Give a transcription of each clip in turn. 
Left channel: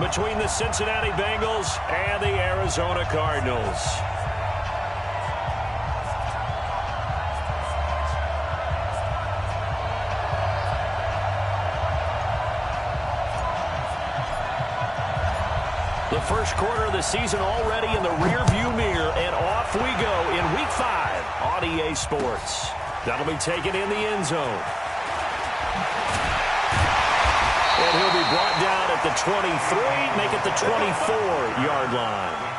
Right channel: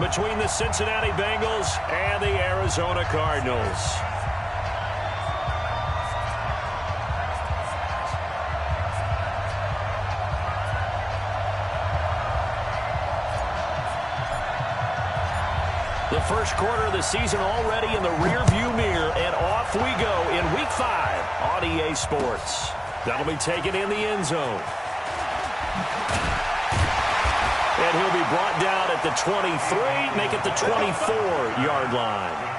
between the Cincinnati Bengals and the Arizona Cardinals. The first quarter of the season already in the rearview mirror, and off we go in Week 5 on EA Sports. That'll be taken in the end zone. And he'll be brought down at the 23, make it the 24-yard line.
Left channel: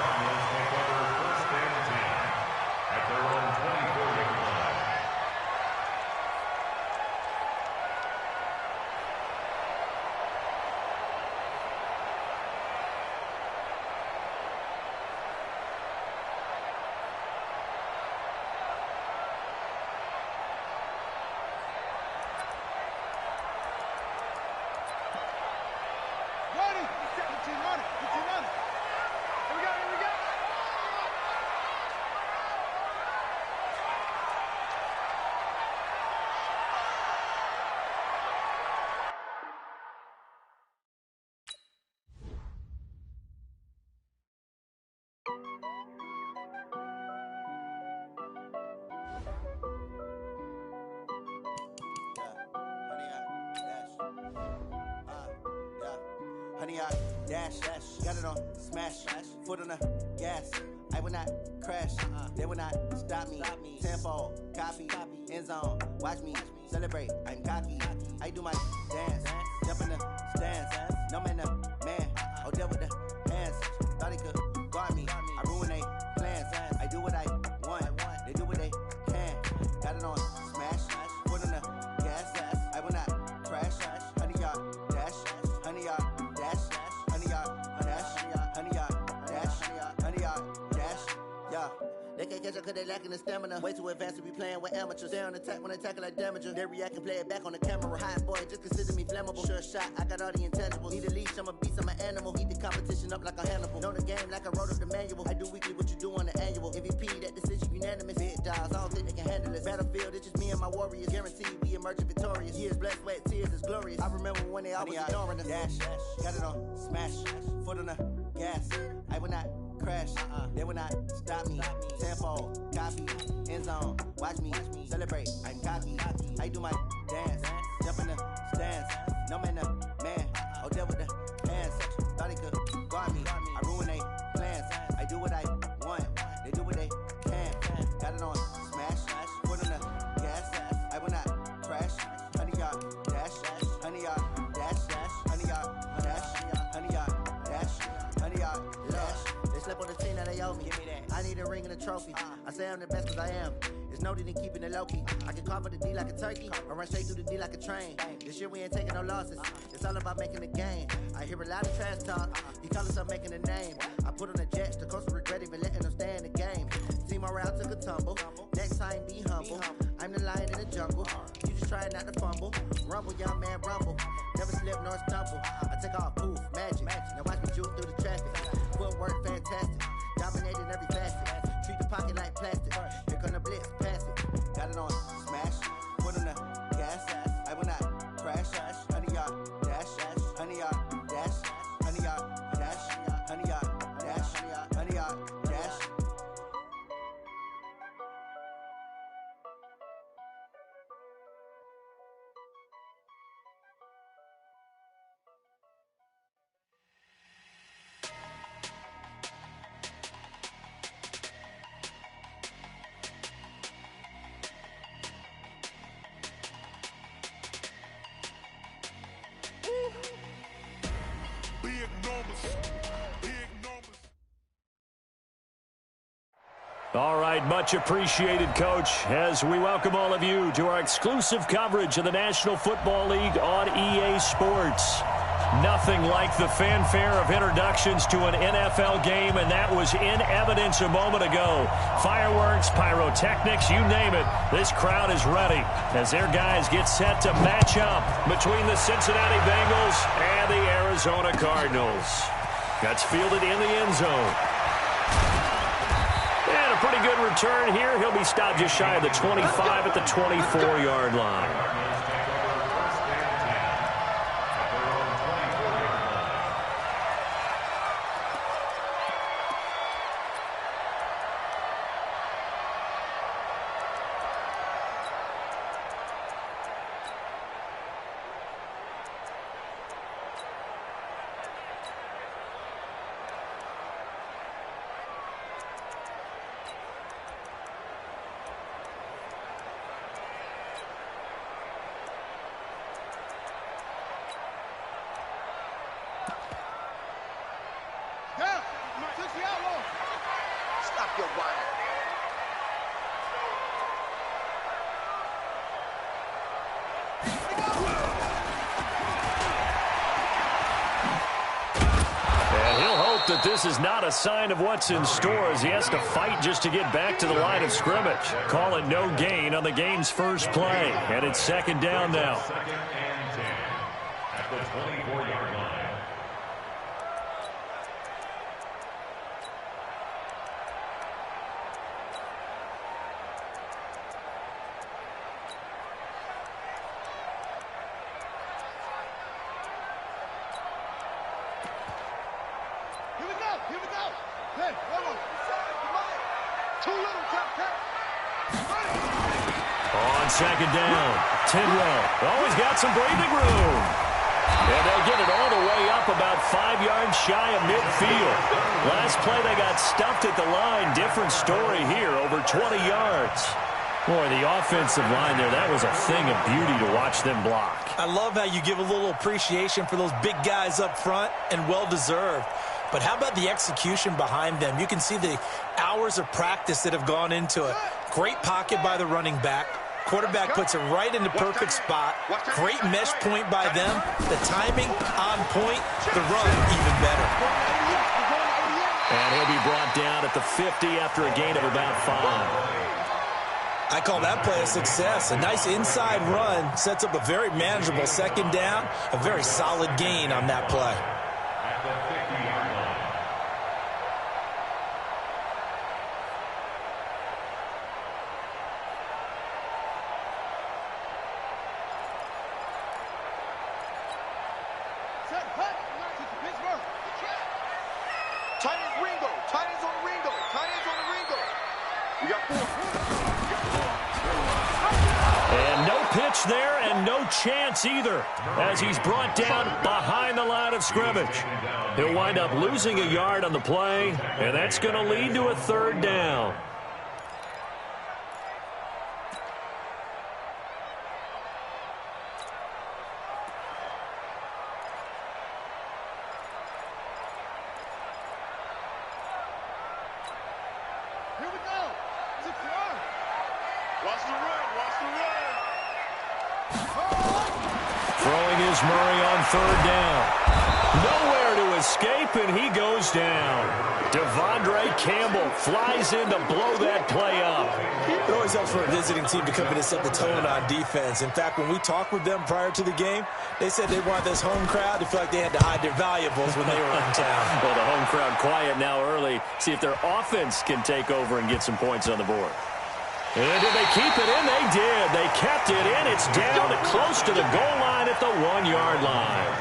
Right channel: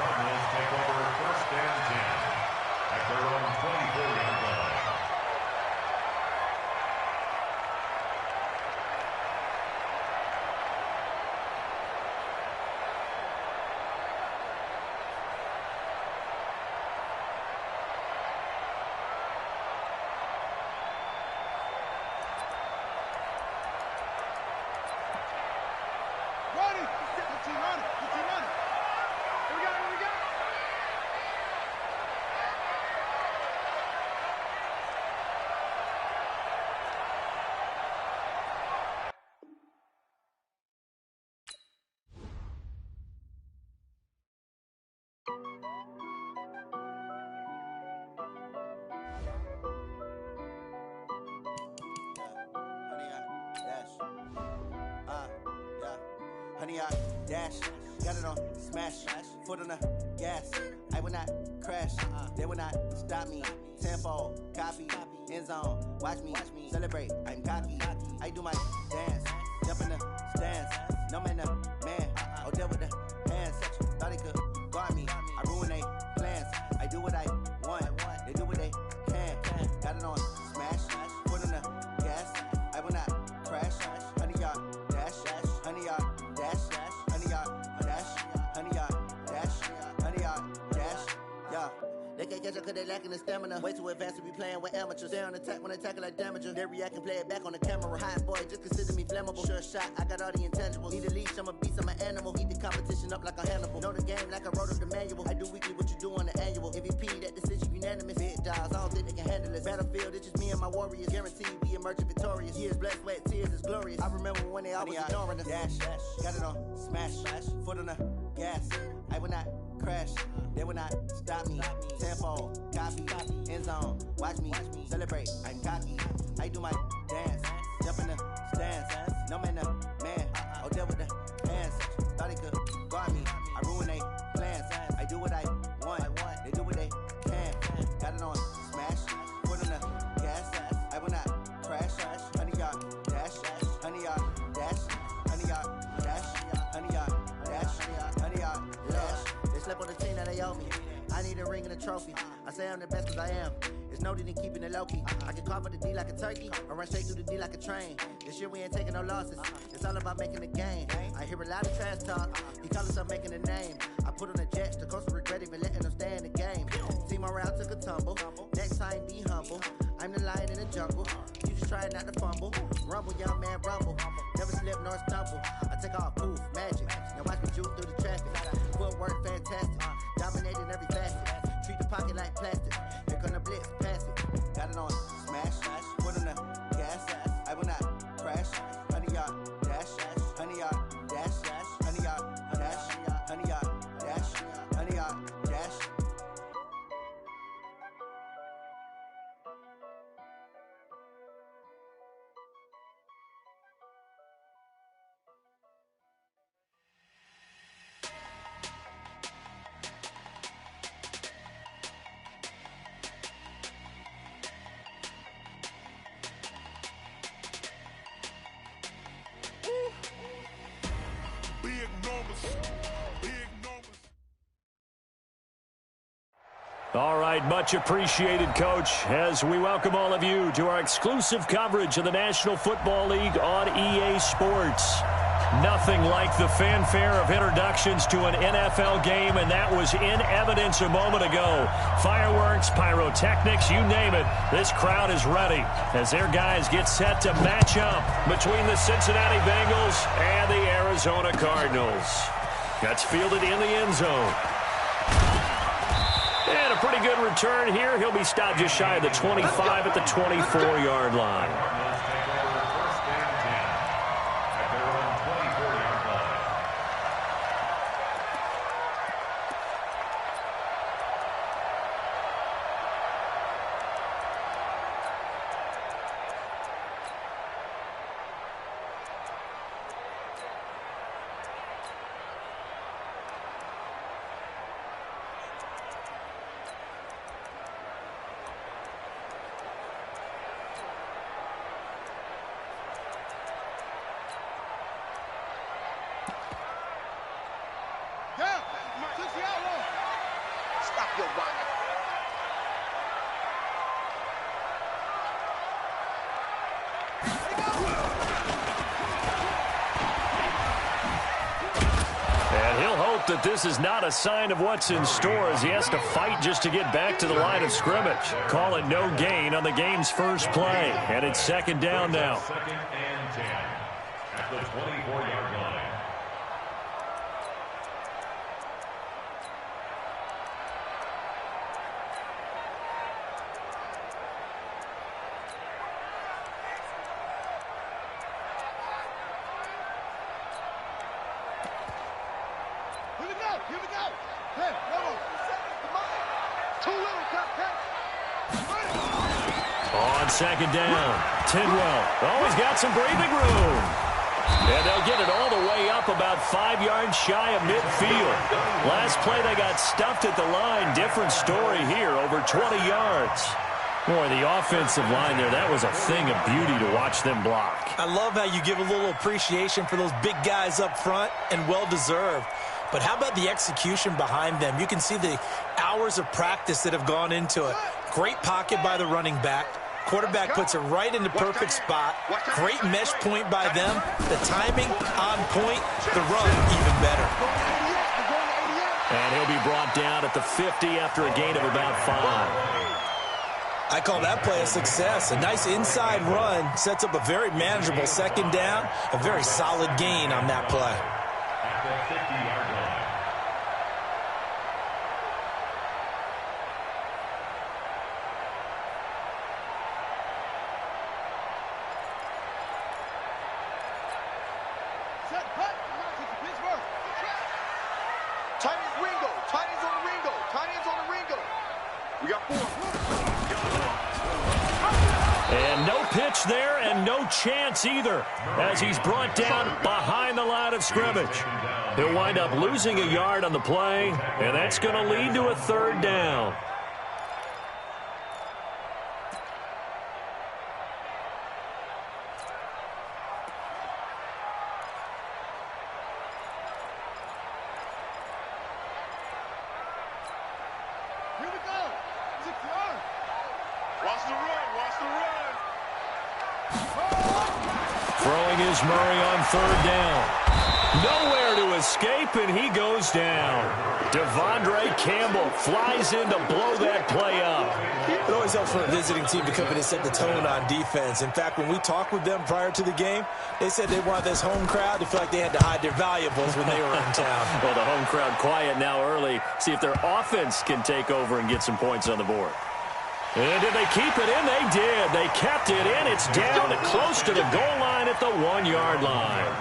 Honey, I dash, got it on smash, foot on the gas. I will not crash, they will not stop me. Tenfold, copy, end zone, watch me celebrate. I'm cocky, I do my dance, jump in the stands. No man, man, oh there with the hands. Thought he could guard me, I ruin they plans. I do what I want, they do what they can. Got it on smash, foot on the gas. I will not crash, honey, y'all dash, honey, y'all dash, honey, y'all dash, honey, y'all dash, honey, y'all dash, yeah. They can't catch up cause they lacking the stamina. Way too advanced to be playing with amateurs. Stay on attack when they tackle like damager. They react and play it back on the camera. Hot boy, just consider me flammable. Sure shot, I got all the intangibles. Need a leash, I'm a beast, I'm an animal. Eat the competition up like a Hannibal. Know the game like I wrote up the manual. I do weekly what you do on the annual. MVP, that decision unanimous. Big dogs, I don't think they can handle this. Battlefield, it's just me and my warriors. Guaranteed we emerge victorious. Years, blood, sweat, tears, is glorious. I remember when they always ignoring us. Dash, got it on smash, foot on the gas. I will not crash, they will not stop me. Tenfold, copy, end zone, watch me celebrate. I'm cocky, I do my dance, jump in the stands. No man, man, oh there with the hands. Thought he could guard me, I ruin they plans. I do what I want, they do what they can. Got it on smash, foot on the gas. I will not crash, honey, y'all dash, honey, y'all dash, honey, y'all dash, honey, y'all dash, honey, y'all dash. They slept on the team that they owe me. I need a ring and a trophy. I say I'm the best cause I am. It's no need in keeping it low-key. I can carve up the D like a turkey or run straight through the D like a train. This year we ain't taking no losses. It's all about making the game. I hear a lot of trash talk. He call himself making a name. I put on the Jets. The coach will regret even letting them stay in the game. Team morale took a tumble. Next time be humble. I'm the lion in the jungle. You just try not to fumble. Rumble, young man, rumble. Never slip nor stumble. I take off, poof, magic. Now watch me juke through the traffic. Footwork fantastic. Dominating every facet. Treat the pocket like plastic. Here come the blitz, pass it. Got it on smash, foot on the gas. I will not crash, honey, y'all dash, honey, y'all dash, honey, y'all dash, honey, y'all dash, honey, y'all dash. All right, much appreciated, Coach, as we welcome all of you to our exclusive coverage of the National Football League on EA Sports. Nothing like the fanfare of introductions to an NFL game, and that was in evidence a moment ago. Fireworks, pyrotechnics, you name it, this crowd is ready as their guys get set to match up between the Cincinnati Bengals and the Arizona Cardinals. That's fielded in the end zone. And a pretty good return here. He'll be stopped just shy of the 25 at the 24-yard line. Stop your whining. And he'll hope that this is not a sign of what's in store as he has to fight just to get back to the line of scrimmage. Call it no gain on the game's first play. And it's second down now. Second and 10 at the 24-yard line. Here we go. 10, 1, 2 little cut. On second down, Tidwell. Oh, he's got some breathing room. And they'll get it all the way up about 5 yards shy of midfield. Last play they got stuffed at the line. Different story here, over 20 yards. Boy, the offensive line there, that was a thing of beauty to watch them block. I love how you give a little appreciation for those big guys up front, and well-deserved. But how about the execution behind them? You can see the hours of practice that have gone into it. Great pocket by the running back. Quarterback puts it right in the perfect spot. Great mesh point by them. The timing on point. The run even better. And he'll be brought down at the 50 after a gain of about 5. I call that play a success. A nice inside run sets up a very manageable second down. A very solid gain on that play. At the 50-yard line. Set, hut, Pittsburgh. Tight ends Ringo. Tight ends on the Ringo. Tight ends on the Ringo. We got 4. And no pitch there and no chance either as he's brought down behind the line of scrimmage. He'll wind up losing a yard on the play, and that's going to lead to a third down. Here we go. 6 yards. Watch the run. Watch the run. Throwing is Murray on third down. Nowhere to escape, and he goes down. Devondre Campbell flies in to blow that play up. It always helps for a visiting team to come in and set the tone on defense. In fact, when we talked with them prior to the game, they said they wanted this home crowd to feel like they had to hide their valuables when they were in town. Well, the home crowd quiet now early. See if their offense can take over and get some points on the board. And did they keep it in? They did. They kept it in. It's down close to the goal line at the 1-yard line.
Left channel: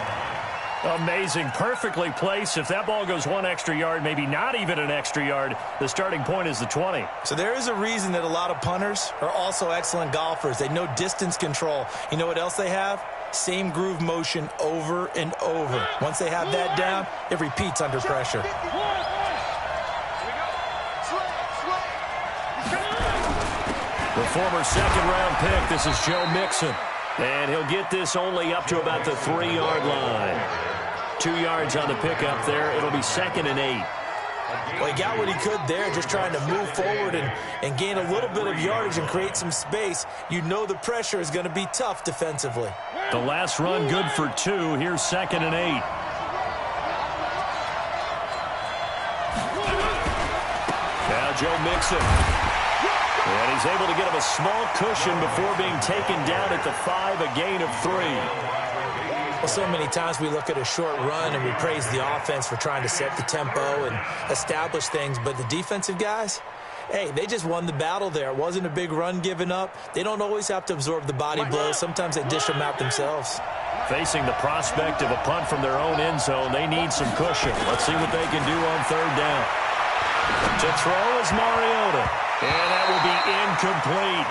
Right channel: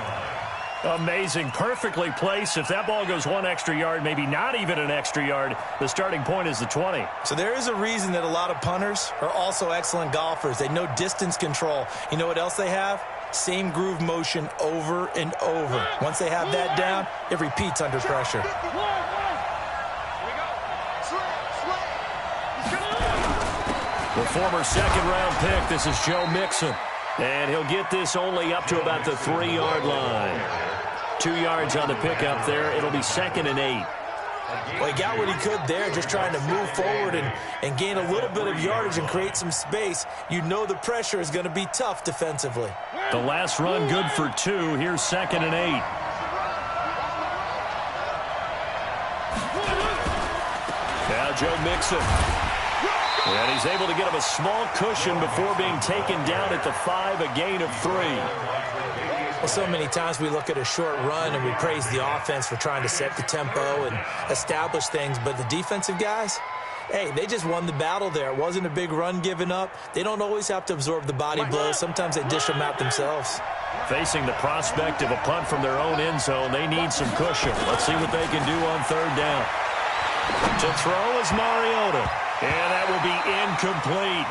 Amazing. Perfectly placed. If that ball goes 1 extra yard, maybe not even an extra yard, the starting point is the 20. So there is a reason that a lot of punters are also excellent golfers. They know distance control. You know what else they have? Same groove motion over and over. Once they have that down, it repeats under pressure. The former second-round pick, this is Joe Mixon. And he'll get this only up to about the 3-yard line. 2 yards on the pickup there. It'll be 2nd and 8. Well, he got what he could there, just trying to move forward and gain a little bit of yardage and create some space. You know the pressure is going to be tough defensively. The last run good for 2. Here's 2nd and 8. Now Joe Mixon. And he's able to get him a small cushion before being taken down at the 5, a gain of 3. Well, so many times we look at a short run and we praise the offense for trying to set the tempo and establish things, but the defensive guys, hey, they just won the battle there. It wasn't a big run given up. They don't always have to absorb the body blows. Sometimes they dish them out themselves. Facing the prospect of a punt from their own end zone, they need some cushion. Let's see what they can do on third down. To throw is Mariota. And that will be incomplete.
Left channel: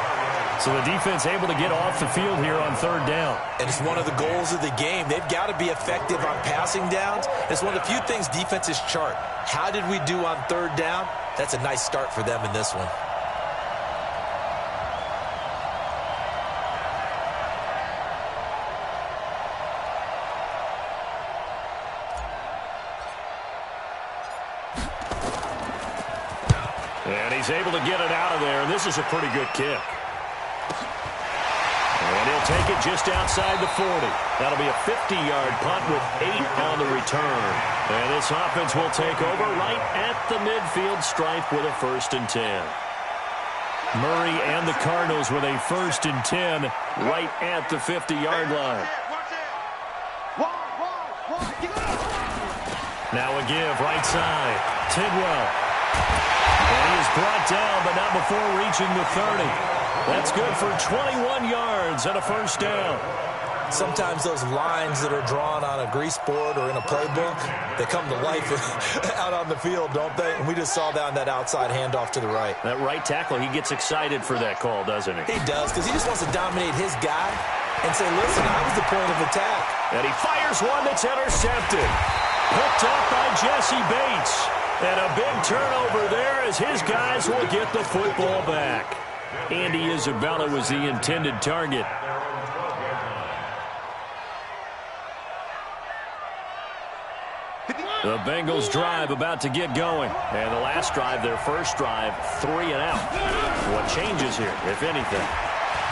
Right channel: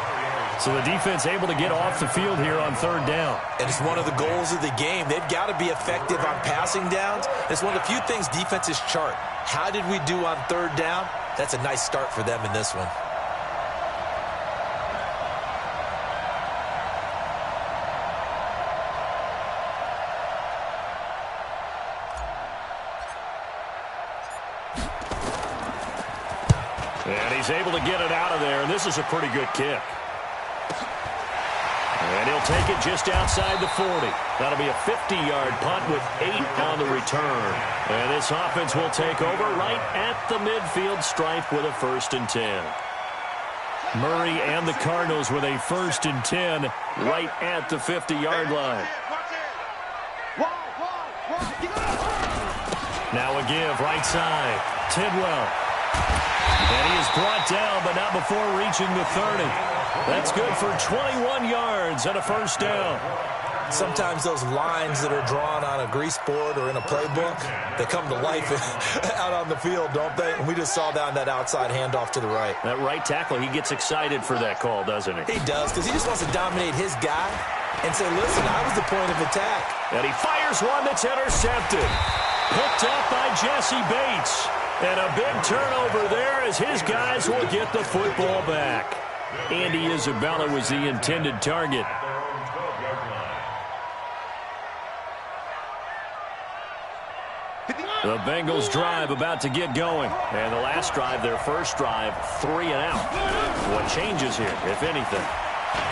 So the defense able to get off the field here on third down. And it's one of the goals of the game. They've got to be effective on passing downs. It's one of the few things defenses chart. How did we do on third down? That's a nice start for them in this one. And he's able to get it out of there, and this is a pretty good kick. And he'll take it just outside the 40. That'll be a 50-yard punt with 8 on the return. And this offense will take over right at the midfield stripe with a 1st and 10. Murray and the Cardinals with a 1st and 10 right at the 50-yard line. Now a give right side. Tidwell. And he is brought down, but not before reaching the 30. That's good for 21 yards and a 1st down. Sometimes those lines that are drawn on a grease board or in a playbook, they come to life out on the field, don't they? And we just saw down that outside handoff to the right. That right tackle, he gets excited for that call, doesn't he? He does, because he just wants to dominate his guy and say, listen, I was the point of attack. And he fires one that's intercepted. Picked up by Jesse Bates. And a big turnover there as his guys will get the football back. Andy Isabella was the intended target. The Bengals drive about to get going. And the last drive, their first drive, 3 and out. What changes here, if anything?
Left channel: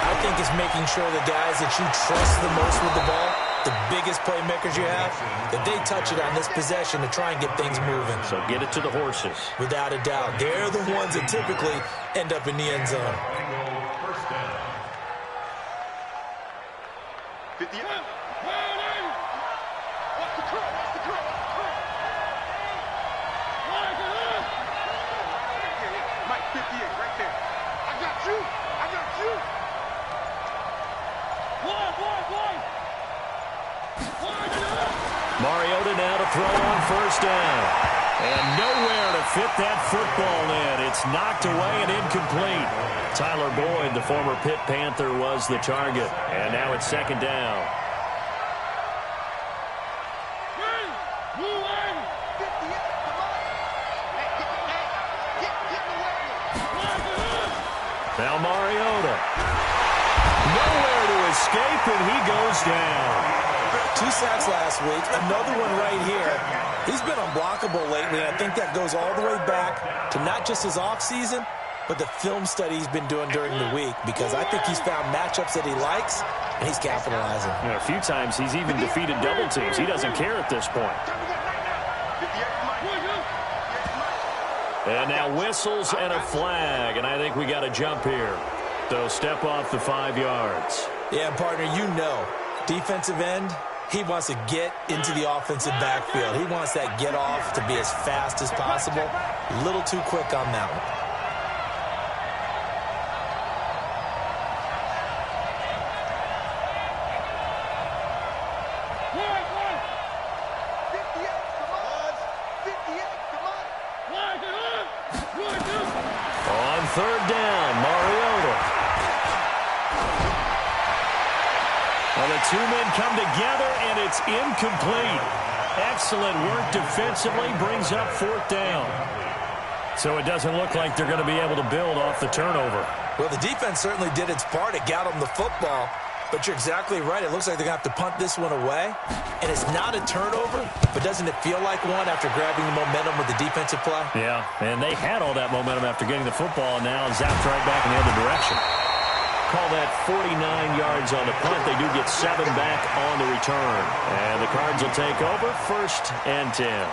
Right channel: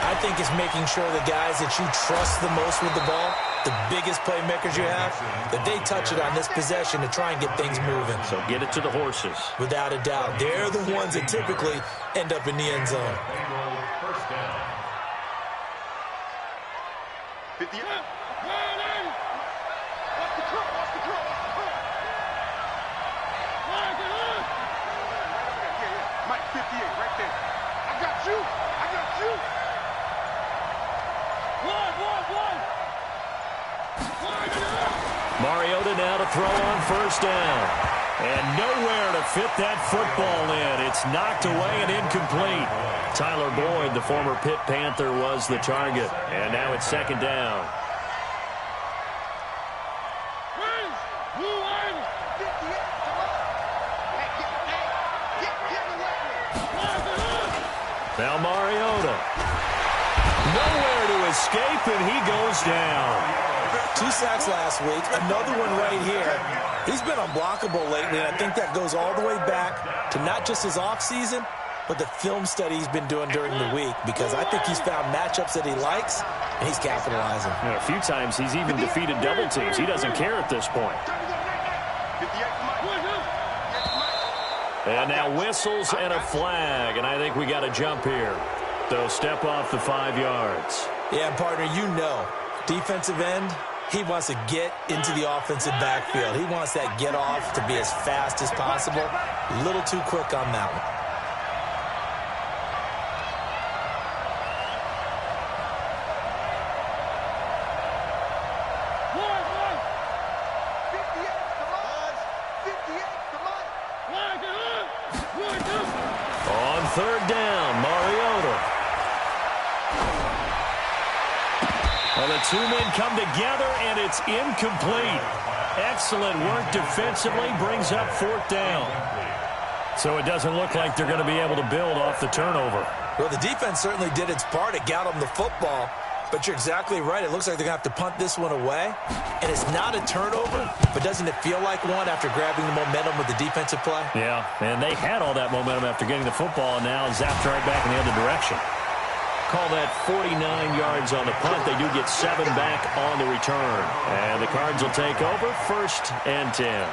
I think it's making sure the guys that you trust the most with the ball, the biggest playmakers you have, that they touch it on this possession to try and get things moving. So get it to the horses. Without a doubt. They're the ones that typically end up in the end zone. 50. Watch the curl. Watch the curl. Watch the curl. Right over there. Yeah. Mike, 58, right there. I got you. I got you. One. Mariota now to throw on 1st down. And nowhere to fit that football in. It's knocked away and incomplete. Tyler Boyd, the former Pitt Panther, was the target. And now it's 2nd down. Now Mariota. Nowhere to escape, and he goes down. 2 sacks last week, another one right here. He's been unblockable lately, and I think that goes all the way back to not just his offseason, but the film study he's been doing during the week, because I think he's found matchups that he likes, and he's capitalizing. And a few times he's even defeated double teams. He doesn't care at this point. And now whistles and a flag, and I think we got a jump here. So step off the 5 yards. Yeah, partner, you know, defensive end, he wants to get into the offensive backfield. He wants that get off to be as fast as possible. A little too quick on that one. On 3rd down, Mariota. Well, the 2 men come together, and it's incomplete. Excellent work defensively, brings up 4th down. So it doesn't look like they're going to be able to build off the turnover. Well, the defense certainly did its part. It got them the football. But you're exactly right. It looks like they're going to have to punt this one away. And it's not a turnover, but doesn't it feel like one after grabbing the momentum with the defensive play? Yeah, and they had all that momentum after getting the football, and now zapped right back in the other direction. Call that 49 yards on the punt. They do get 7 back on the return. And the Cards will take over 1st and 10.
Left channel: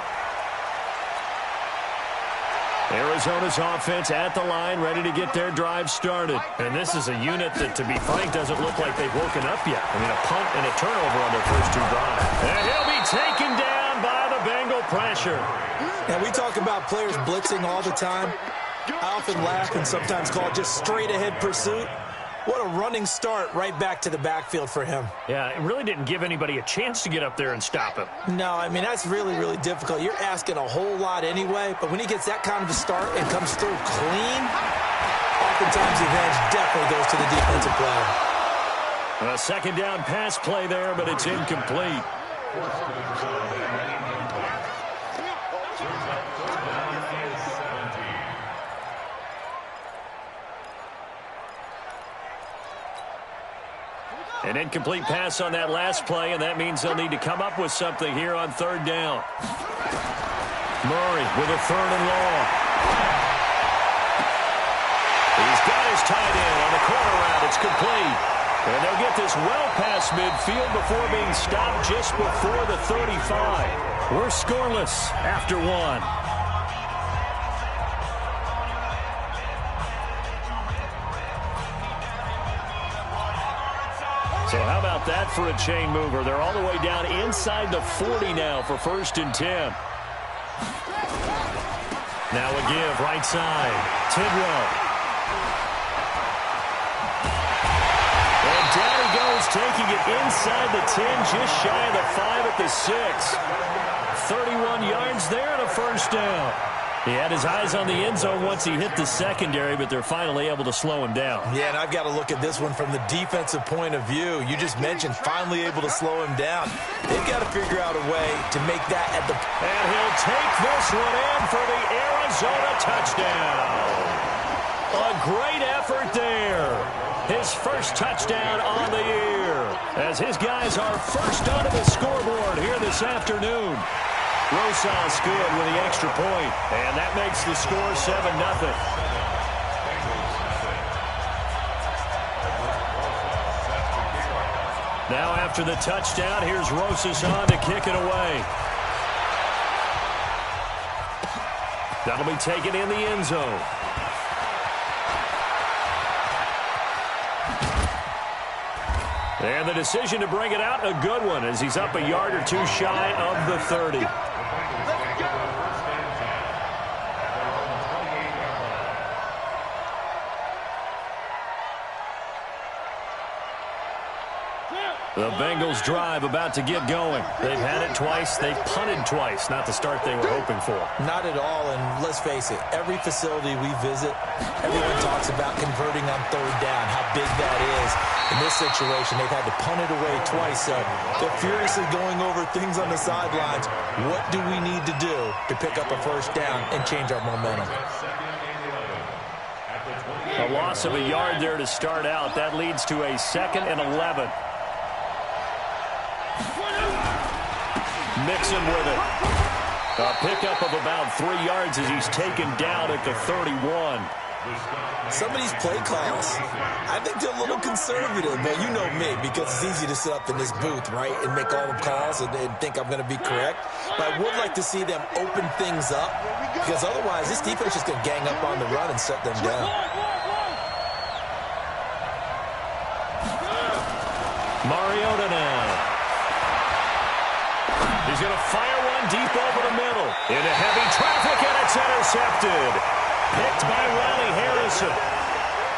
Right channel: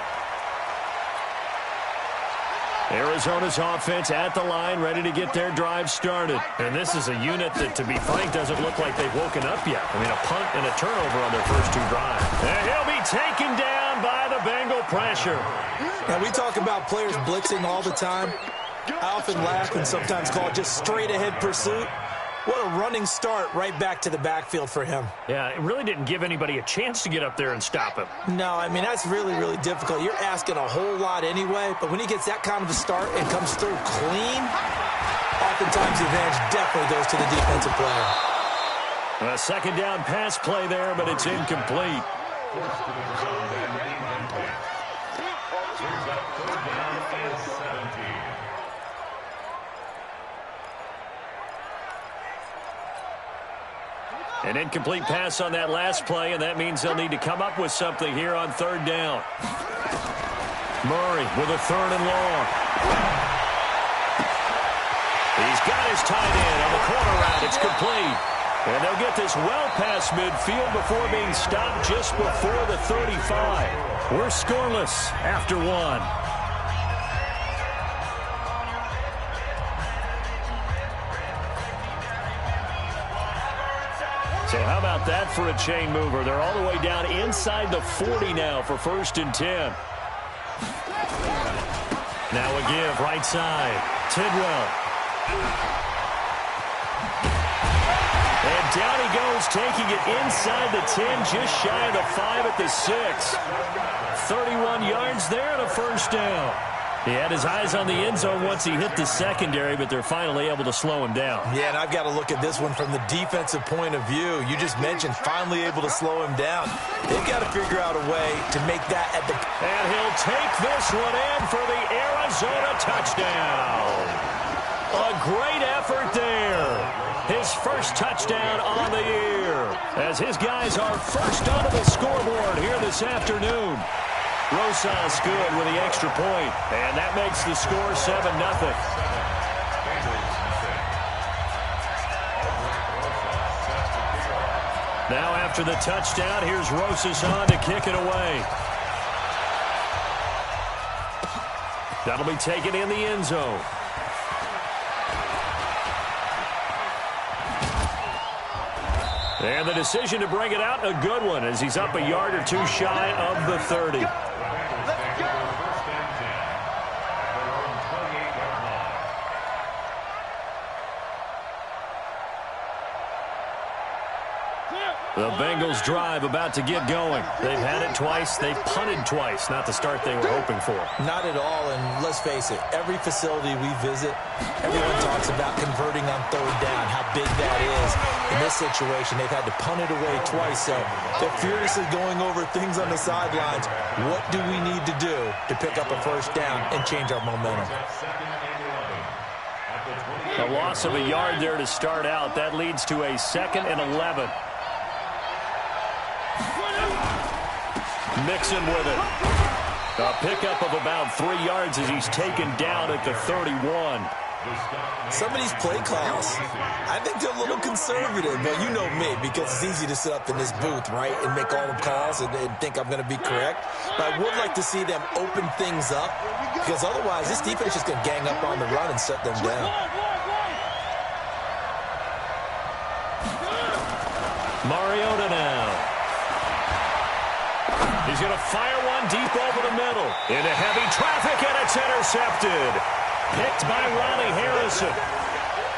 Arizona's offense at the line, ready to get their drive started. And this is a unit that, to be frank, doesn't look like they've woken up yet. I mean, a punt and a turnover on their first 2 drives. And he'll be taken down by the Bengal pressure. And we talk about players blitzing all the time. I often laugh and sometimes call it just straight-ahead pursuit. What a running start right back to the backfield for him. Yeah, it really didn't give anybody a chance to get up there and stop him. No, I mean, that's really, really difficult. You're asking a whole lot anyway, but when he gets that kind of a start and comes through clean, oftentimes the advantage definitely goes to the defensive player. A 2nd down pass play there, but it's incomplete. An incomplete pass on that last play, and that means they'll need to come up with something here on 3rd down. Murray with a 3rd and long. He's got his tight end on the corner route. It's complete. And they'll get this well past midfield before being stopped just before the 35. We're scoreless after one. So how about that for a chain mover? They're all the way down inside the 40 now for 1st and 10. Now a give right side. Tidwell. And down he goes, taking it inside the 10, just shy of the 5 at the 6. 31 yards there and a 1st down. He had his eyes on the end zone once he hit the secondary, but they're finally able to slow him down. Yeah, and I've got to look at this one from the defensive point of view. You just mentioned finally able to slow him down. They've got to figure out a way to make that at the... And he'll take this one in for the Arizona touchdown. A great effort there. His first touchdown on the year, as his guys are first onto the scoreboard here this afternoon. Rosas good with the extra point, and that makes the score 7-0. Now after the touchdown, here's Rosas on to kick it away. That'll be taken in the end zone. And the decision to bring it out, a good one, as he's up a yard or two shy of the 30. The Bengals drive about to get going. They've had it twice. They've punted twice. Not the start they were hoping for. Not at all, and let's face it, every facility we visit, everyone talks about converting on 3rd down, how big that is. In this situation, they've had to punt it away twice, so they're furiously going over things on the sidelines. What do we need to do to pick up a 1st down and change our momentum? A loss of a yard there to start out. That leads to a 2nd and 11. Mixon with it. A pickup of about 3 yards as he's taken down at the 31. Some of these play calls, I think they're a little conservative, but you know me, because it's easy to sit up in this booth, right, and make all the calls and think I'm going to be correct. But I would like to see them open things up, because otherwise this defense is going to gang up on the run and shut them down. Mariota now. He's going to fire one deep over the middle. Into heavy traffic, and it's intercepted. Picked by Riley Harrison.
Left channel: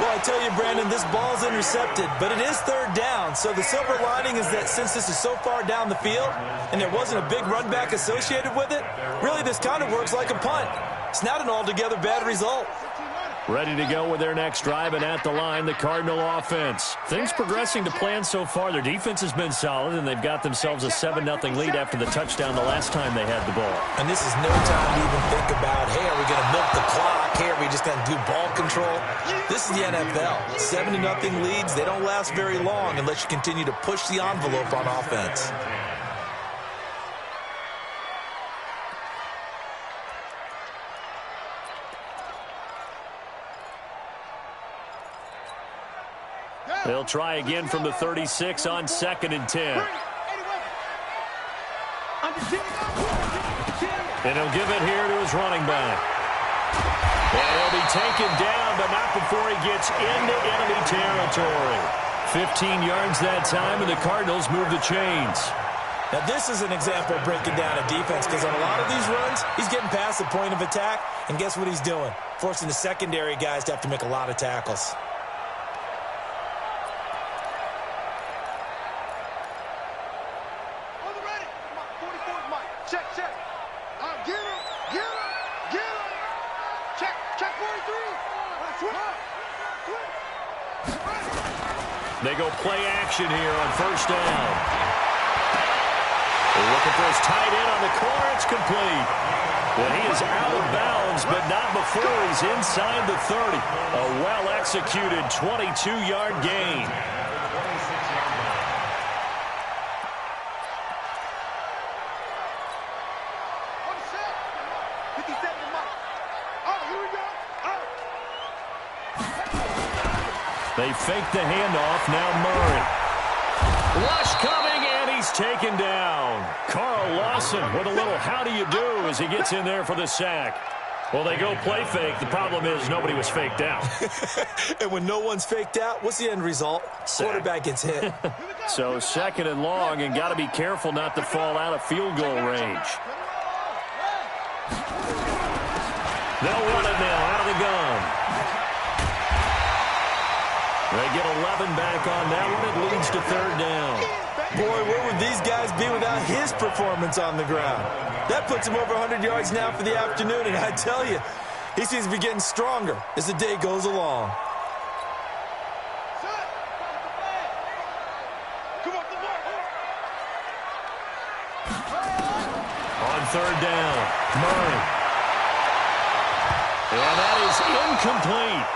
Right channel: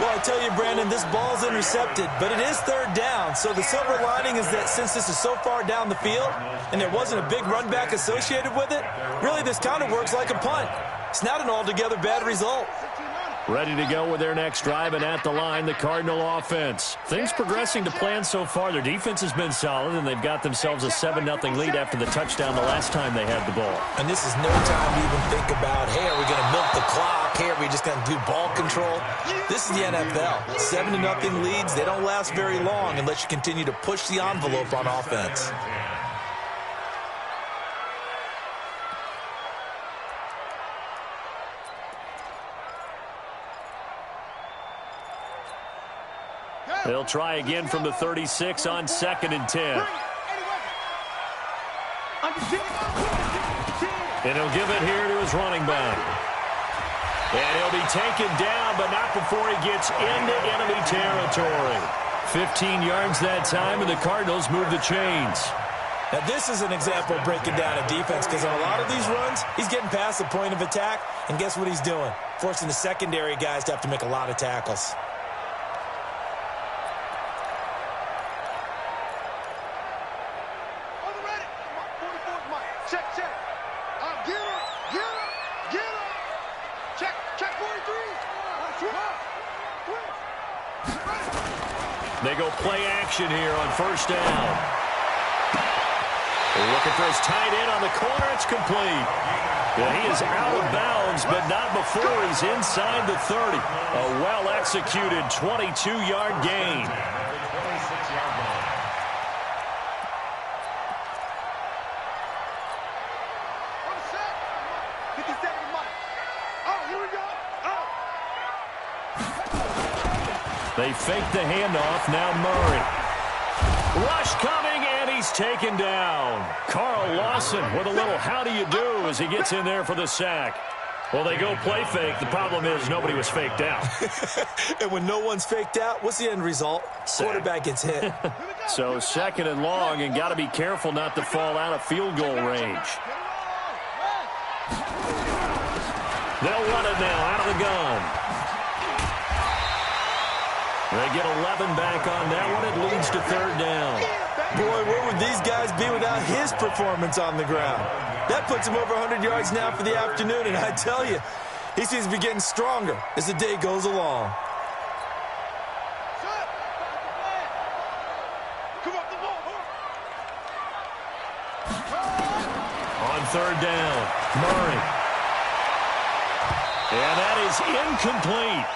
Well, I tell you, Brandon, this ball's intercepted, but it is 3rd down. So the silver lining is that since this is so far down the field and there wasn't a big run back associated with it, really this kind of works like a punt. It's not an altogether bad result. Ready to go with their next drive, and at the line, the Cardinal offense. Things progressing to plan so far. Their defense has been solid, and they've got themselves a 7-0 lead after the touchdown the last time they had the ball. And this is no time to even think about, hey, are we going to milk the clock? Hey, are we just going to do ball control? This is the NFL. 7-0 leads, they don't last very long unless you continue to push the envelope on offense. They'll try again from the 36 on 2nd and 10. And he'll give it here to his running back. And he'll be taken down, but not before he gets into enemy territory. 15 yards that time, and the Cardinals move the chains. Now, this is an example of breaking down a defense, because on a lot of these runs, he's getting past the point of attack, and guess what he's doing? Forcing the secondary guys to have to make a lot of tackles. Check, check. Get him, get him, get him. Check, check 43. They go play action here on 1st down. They're looking for his tight end on the corner. It's complete. And he is out of bounds, but not before he's inside the 30. A well-executed 22-yard gain. Oh, here we go. Oh. They fake the handoff. Now Murray. Rush coming, and he's taken down. Carl Lawson with a little how do you do as he gets in there for the sack. Well, they go play fake. The problem is nobody was faked out. And when no one's faked out, what's the end result? Sack. Quarterback gets hit. So 2nd and long, and got to be careful not to fall out of field goal range. They'll run it now out of the gun. They get 11 back on that one. It leads to 3rd down. Boy, where would these guys be without his performance on the ground? That puts him over 100 yards now for the afternoon, and I tell you, he seems to be getting stronger as the day goes along. On 3rd down, Murray. And that is incomplete.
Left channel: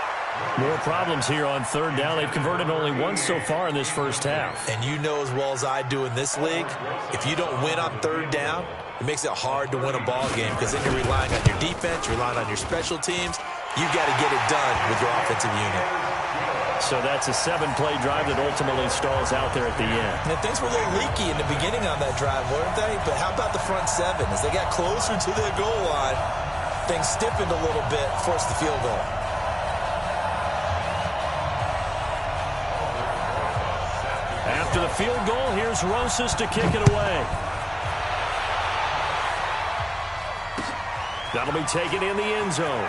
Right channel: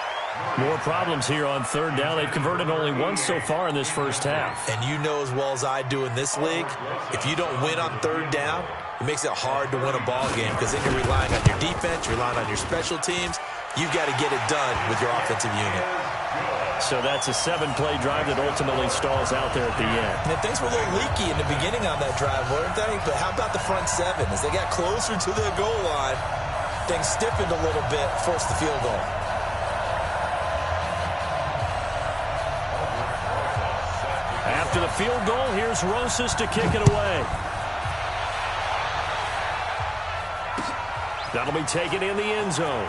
More problems here on 3rd down. They've converted only once so far in this first half. And you know as well as I do in this league, if you don't win on 3rd down, it makes it hard to win a ball game because then you're relying on your defense, you're relying on your special teams. You've got to get it done with your offensive unit. So that's a 7-play drive that ultimately stalls out there at the end. And things were a little leaky in the beginning on that drive, weren't they? But how about the front 7? As they got closer to their goal line, things stiffened a little bit, forced the field goal. After the field goal, here's Rosas to kick it away. That'll be taken in the end zone.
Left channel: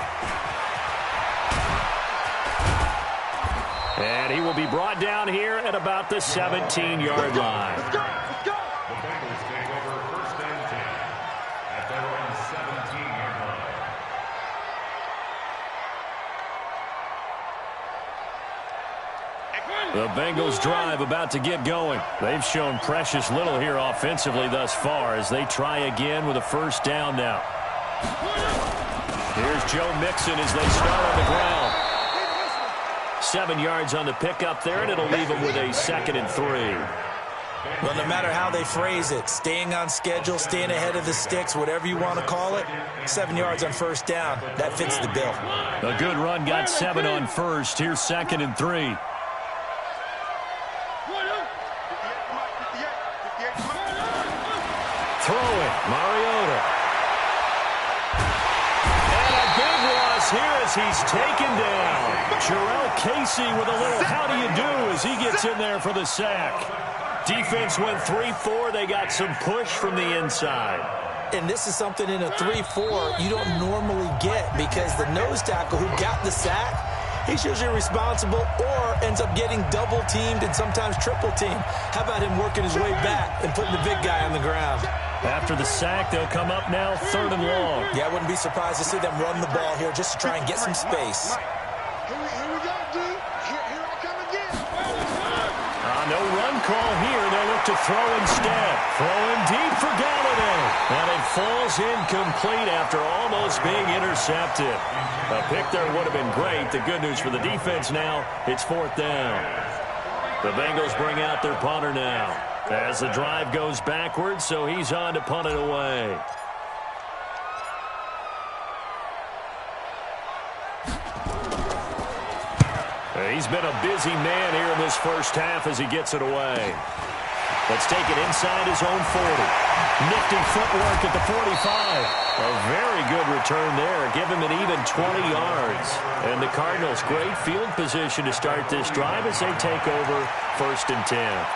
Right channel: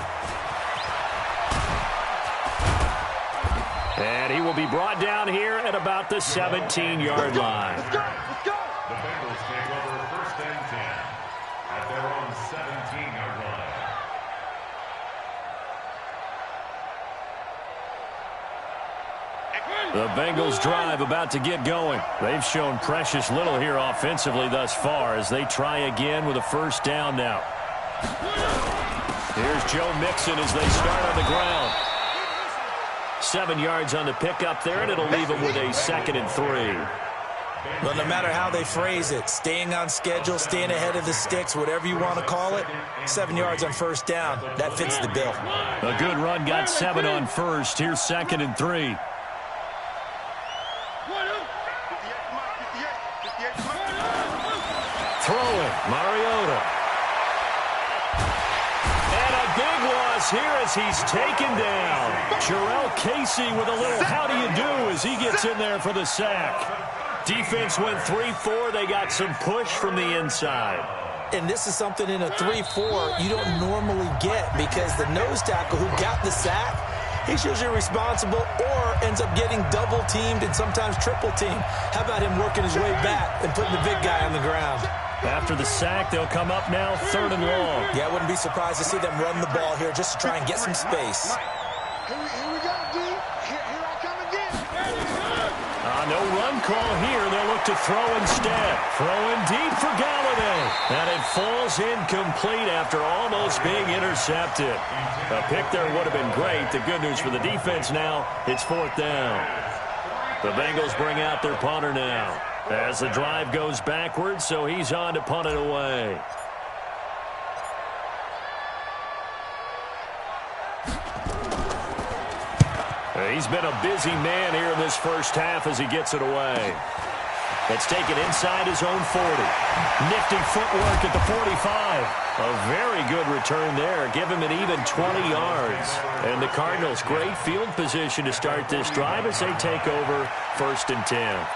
And he will be brought down here at about the 17-yard line. The Bengals take over 1st and 10 at their own 17-yard line. The Bengals drive about to get going. They've shown precious little here offensively thus far as they try again with a 1st down now. Here's Joe Mixon as they start on the ground. 7 yards on the pickup there, and it'll leave them with a 2nd and 3. Well, no matter how they phrase it, staying on schedule, staying ahead of the sticks, whatever you want to call it, 7 yards on 1st down, that fits the bill. A good run got 7 on 1st. Here's 2nd and 3. Throwing, Mariota. And a big loss here as he's taken down. Jarrell Casey with a little how do you do as he gets in there for the sack. Defense went 3-4. They got some push from the inside. And this is something in a 3-4 you don't normally get because the nose tackle who got the sack, he's usually responsible or ends up getting double-teamed and sometimes triple-teamed. How about him working his way back and putting the big guy on the ground? After the sack, they'll come up now 3rd and long. Yeah, I wouldn't be surprised to see them run the ball here just to try and get some space. Here we go, D. Here I come again. No run call here. They'll look to throw instead. Throwing deep for Galladay. And it falls incomplete after almost being intercepted. A pick there would have been great. The good news for the defense now, it's 4th down. The Bengals bring out their punter now as the drive goes backwards, so he's on to punt it away. He's been a busy man here in this first half as he gets it away. Let's take it inside his own 40. Nifty footwork at the 45. A very good return there. Give him an even 20 yards. And the Cardinals, great field position to start this drive as they take over 1st and 10.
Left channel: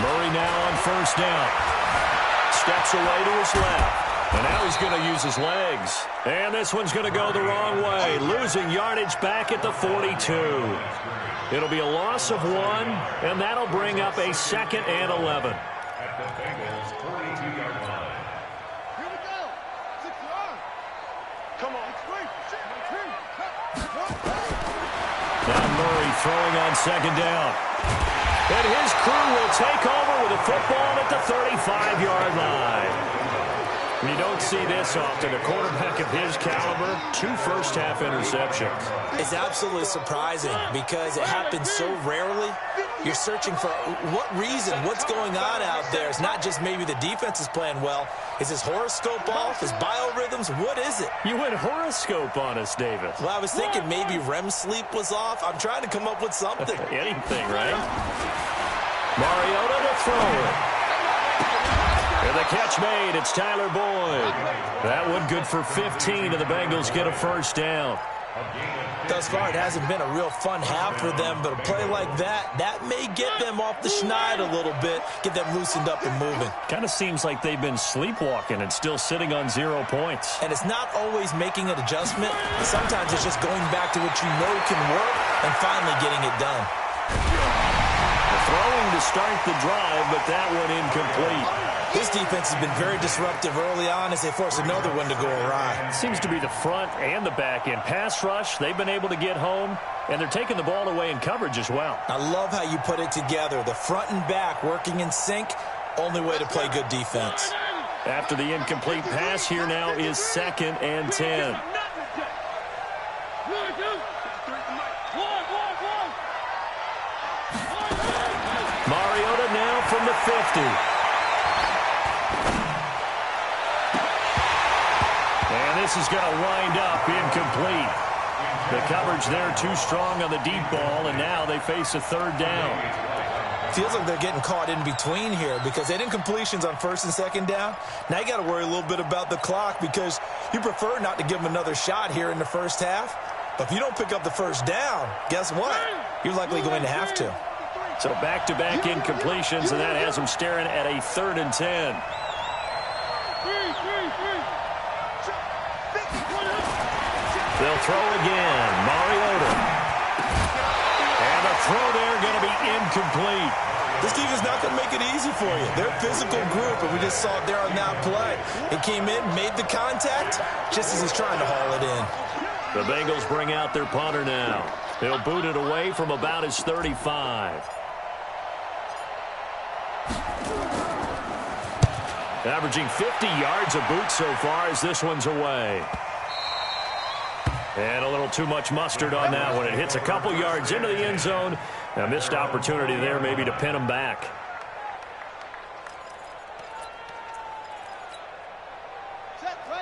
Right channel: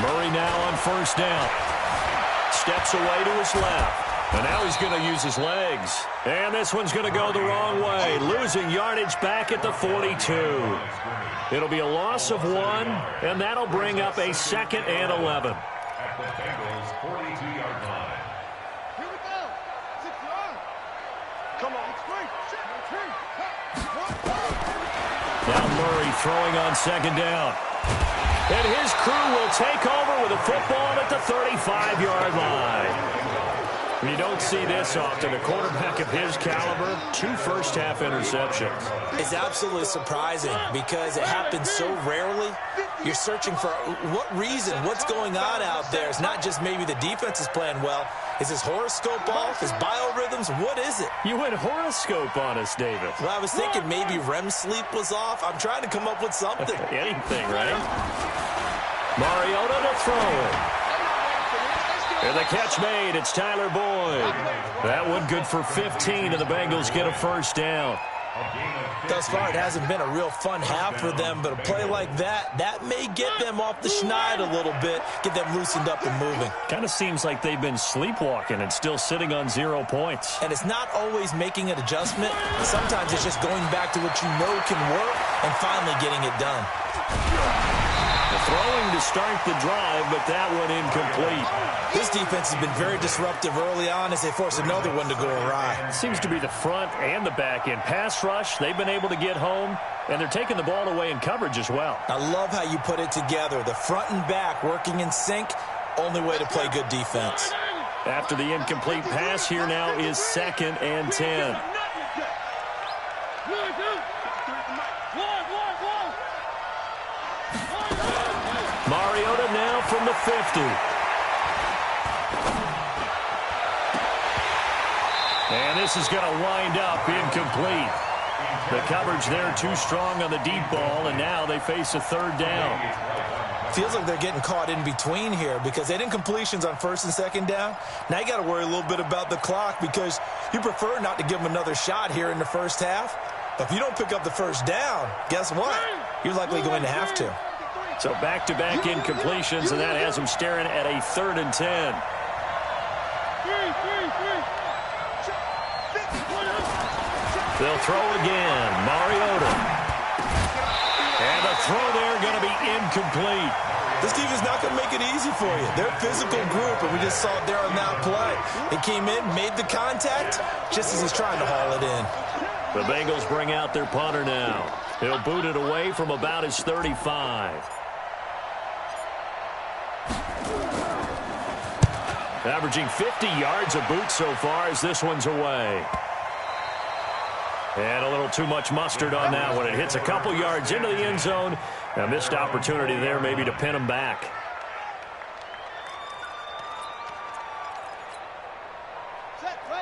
Murray now on 1st down. Steps away to his left. And now he's going to use his legs. And this one's going to go the wrong way. Losing yardage back at the 42. It'll be a loss of 1, and that'll bring up a 2nd and 11. At the Bengals' 42-yard line. Here we go. 6 yards. Come on. Now Murray throwing on 2nd down. And his crew will take over with a football at the 35-yard line. You don't see this often. A quarterback of his caliber, 2 first-half interceptions. It's absolutely surprising because it happens so rarely. You're searching for what reason, what's going on out there. It's not just maybe the defense is playing well. Is his horoscope off? His biorhythms? What is it? You went horoscope on us, David. Well, I was thinking maybe REM sleep was off. I'm trying to come up with something. Anything, right? Mariota to throw it. And the catch made. It's Tyler Boyd. That one good for 15, and the Bengals get a first down. Thus far, it hasn't been a real fun half for them, but a play like that may get them off the schneid a little bit, get them loosened up and moving. Kind of seems like they've been sleepwalking and still sitting on 0 points. And it's not always making an adjustment. Sometimes it's just going back to what you know can work and finally getting it done. Throwing to start the drive, but that one incomplete. This defense has been very disruptive early on as they force another one to go awry. Seems to be the front and the back end. Pass rush, they've been able to get home, and they're taking the ball away in coverage as well. I love how you put it together. The front and back working in sync, only way to play good defense. After the incomplete pass, here now is 2nd and 10. Mariota now from the 50. And this is going to wind up incomplete. The coverage there too strong on the deep ball, and now they face a 3rd down. Feels like they're getting caught in between here because they didn't incompletions on 1st and 2nd down. Now you got to worry a little bit about the clock because you prefer not to give them another shot here in the first half. But if you don't pick up the 1st down, guess what? You're likely going to have to. So back-to-back incompletions, and that has them staring at a 3rd and 10. They'll throw again. Mariota. And the throw there going to be incomplete. This team is not going to make it easy for you. They're a physical group, and we just saw it there on that play. It came in, made the contact, just as he's trying to haul it in. The Bengals bring out their punter now. He'll boot it away from about his 35. Averaging 50 yards a boot so far as this one's away. And a little too much mustard on that one. It hits a couple yards into the end zone. A missed opportunity there maybe to pin him back.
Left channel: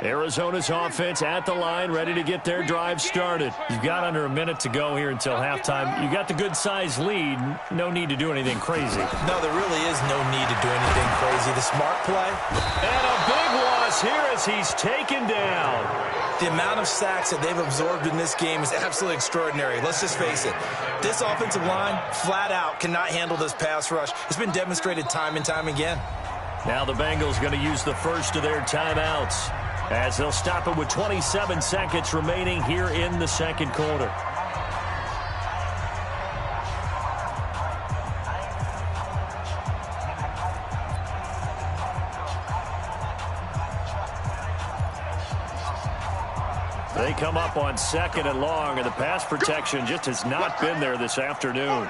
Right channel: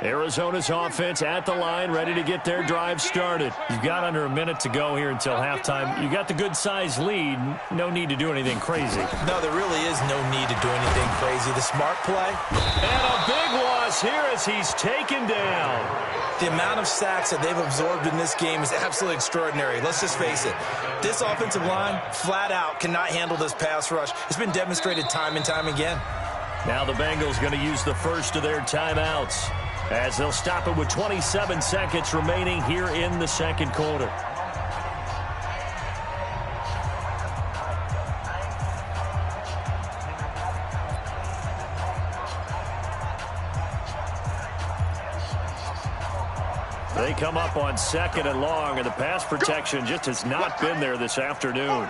Arizona's offense at the line, ready to get their drive started. You've got under a minute to go here until halftime. You got the good-sized lead. No need to do anything crazy. No, there really is no need to do anything crazy. The smart play. And a big loss here as he's taken down. The amount of sacks that they've absorbed in this game is absolutely extraordinary. Let's just face it. This offensive line, flat out, cannot handle this pass rush. It's been demonstrated time and time again. Now the Bengals going to use the first of their timeouts, as they'll stop it with 27 seconds remaining here in the second quarter. They come up on 2nd and long, and the pass protection just has not been there this afternoon.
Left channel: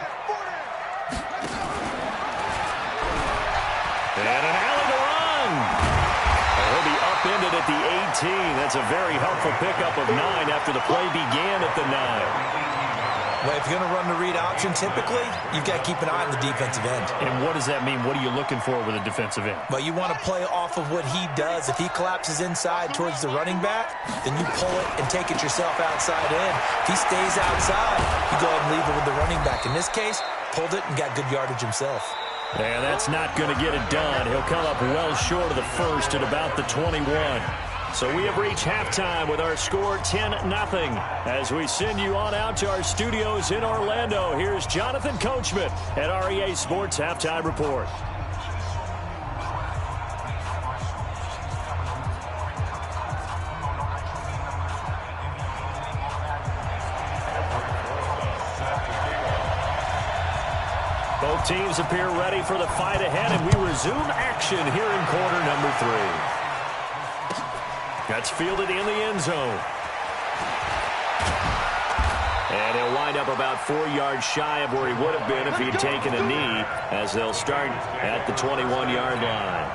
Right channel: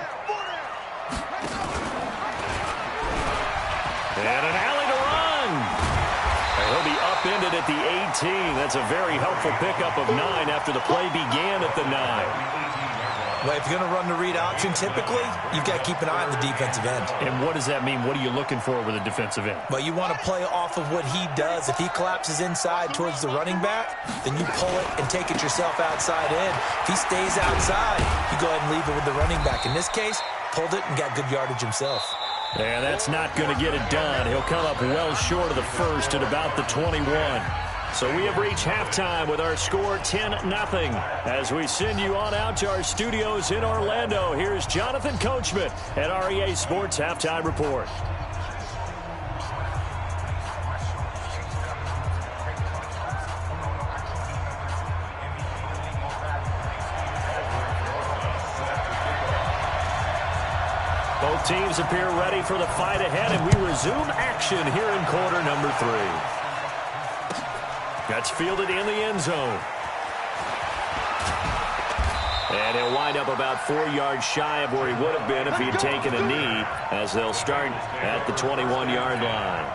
And an alley to run. He'll be upended at the 18. That's a very helpful pickup of 9 after the play began at the 9. Well, if you're going to run the read option, typically, you've got to keep an eye on the defensive end. And what does that mean? What are you looking for with a defensive end? Well, you want to play off of what he does. If he collapses inside towards the running back, then you pull it and take it yourself outside in. If he stays outside, you go ahead and leave it with the running back. In this case, pulled it and got good yardage himself. And that's not going to get it done. He'll come up well short of the first at about the 21. So we have reached halftime with our score 10-0. As we send you on out to our studios in Orlando, here's Jonathan Coachman at REA Sports Halftime Report. Both teams appear ready for the fight ahead, and we resume action here in quarter number 3. That's fielded in the end zone. And he'll wind up about 4 yards shy of where he would have been if he had taken a knee, as they'll start at the 21-yard line.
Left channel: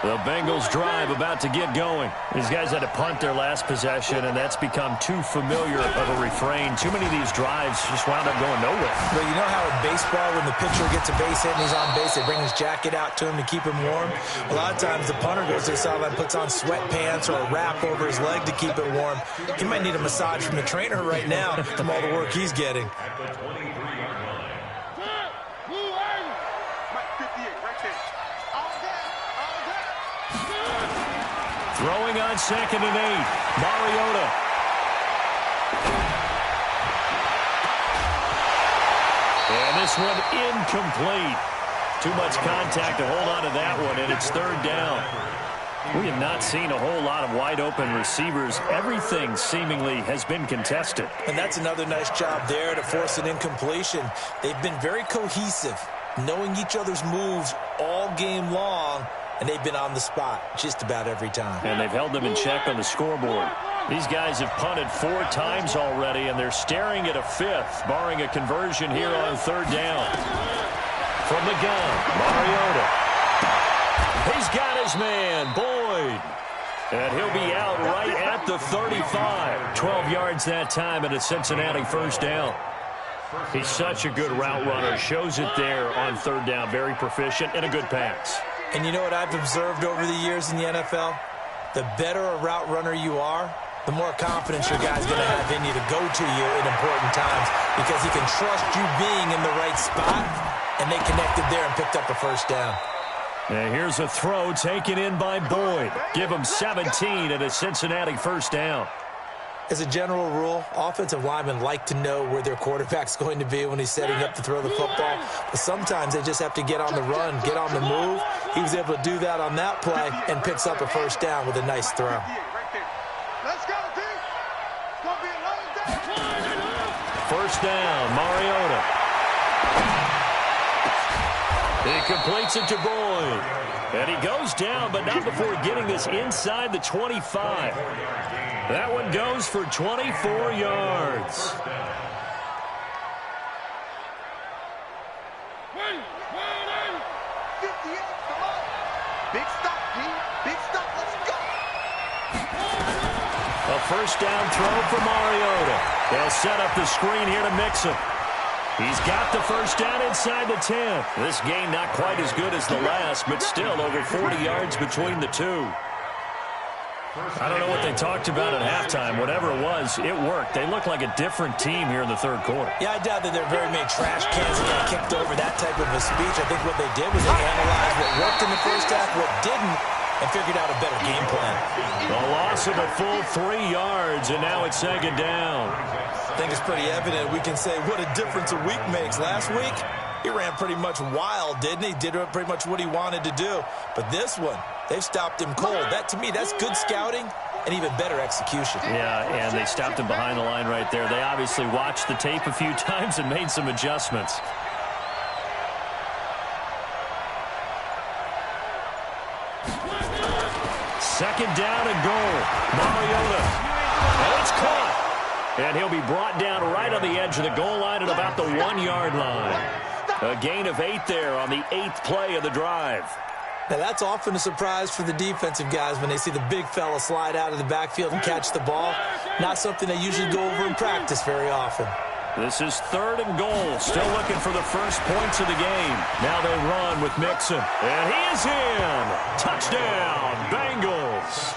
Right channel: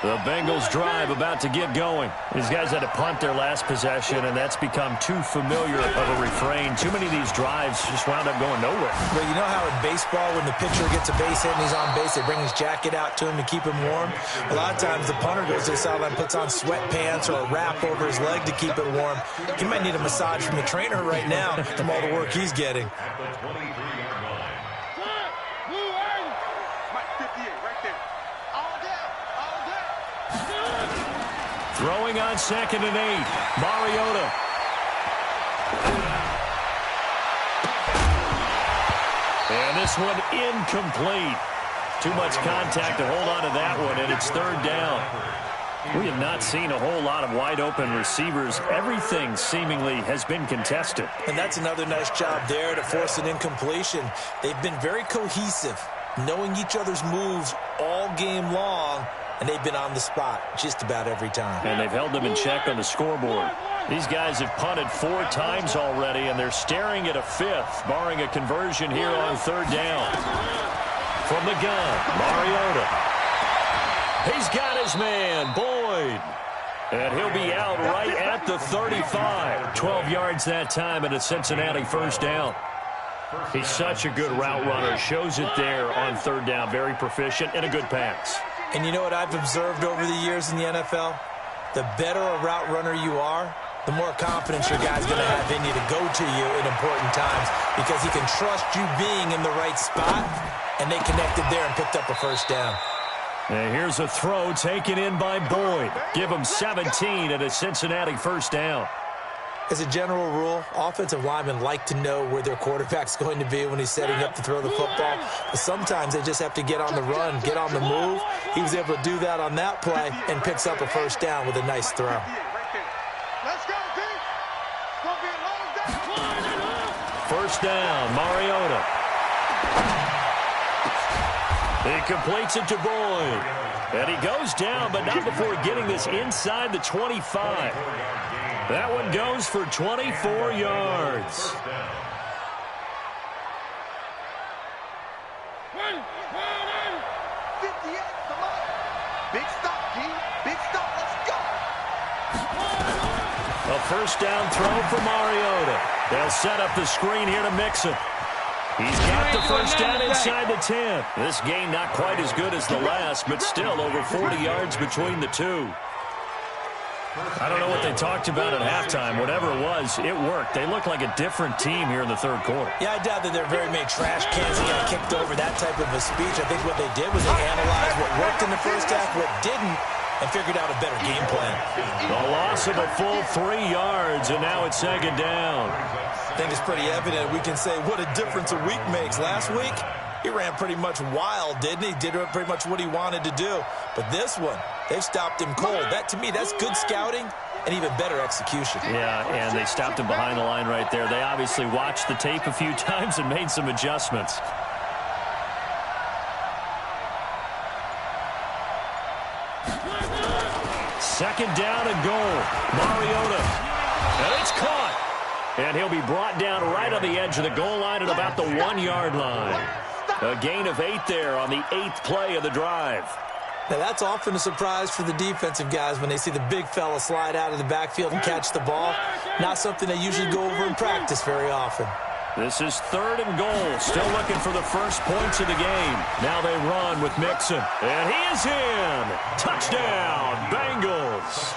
The Bengals drive about to get going. These guys had to punt their last possession, and that's become too familiar of a refrain. Too many of these drives just wound up going nowhere. But you know how in baseball, when the pitcher gets a base hit and he's on base, they bring his jacket out to him to keep him warm? A lot of times the punter goes to the sideline, puts on sweatpants or a wrap over his leg to keep it warm. He might need a massage from the trainer right now from all the work he's getting. At the 23-yard line. Mike 58 right there. All day. All day. Throwing on 2nd and 8. Mariota. And this one incomplete. Too much contact to hold on to that one, and it's 3rd down. We have not seen a whole lot of wide-open receivers. Everything seemingly has been contested. And that's another nice job there to force an incompletion. They've been very cohesive, knowing each other's moves all game long, and they've been on the spot just about every time. And they've held them in check on the scoreboard. These guys have punted 4 times already, and they're staring at a 5th, barring a conversion here on 3rd down. From the gun, Mariota. He's got his man, Boyd. And he'll be out right at the 35. 12 yards that time and a Cincinnati 1st down. He's such a good route runner. Shows it there on 3rd down. Very proficient and a good pass. And you know what I've observed over the years in the NFL? The better a route runner you are, the more confidence your guy's going to have in you to go to you in important times because he can trust you being in the right spot, and they connected there and picked up a 1st down. And here's a throw taken in by Boyd. Give him 17 at a Cincinnati 1st down. As a general rule, offensive linemen like to know where their quarterback's going to be when he's setting up to throw the football. But sometimes they just have to get on the run, get on the move. He was able to do that on that play and picks up a 1st down with a nice throw. Let's go, team. It's going to be a long day. 1st down, Mariota. He completes it to Boyd. And he goes down, but not before getting this inside the 25. That one goes for 24 yards. 58, come on. Big stop, G. Big stop, let's go. A 1st down throw for Mariota. They'll set up the screen here to Mixon. He's got the 1st down inside the 10. This game not quite as good as the last, but still over 40 yards between the two. I don't know what they talked about at halftime. Whatever it was, it worked. They look like a different team here in the 3rd quarter. Yeah, I doubt that there are very many trash cans that got kicked over, that type of a speech. I think what they did was they analyzed what worked in the 1st half, what didn't, and figured out a better game plan. The loss of a full 3 yards, and now it's 2nd down. I think it's pretty evident. We can say what a difference a week makes. Last week, he ran pretty much wild, didn't he? Did pretty much what he wanted to do. But this one, they've stopped him cold. That, to me, that's good scouting and even better execution. Yeah, and they stopped him behind the line right there. They obviously watched the tape a few times and made some adjustments. Second down and goal. Mariota. And it's caught. And he'll be brought down right on the edge of the goal line at about the 1-yard line. A gain of 8 there on the 8th play of the drive. Now, that's often a surprise for the defensive guys when they see the big fella slide out of the backfield and catch the ball. Not something they usually go over in practice very often. This is 3rd and goal. Still looking for the first points of the game. Now they run with Mixon. And he is in. Touchdown, Bengals.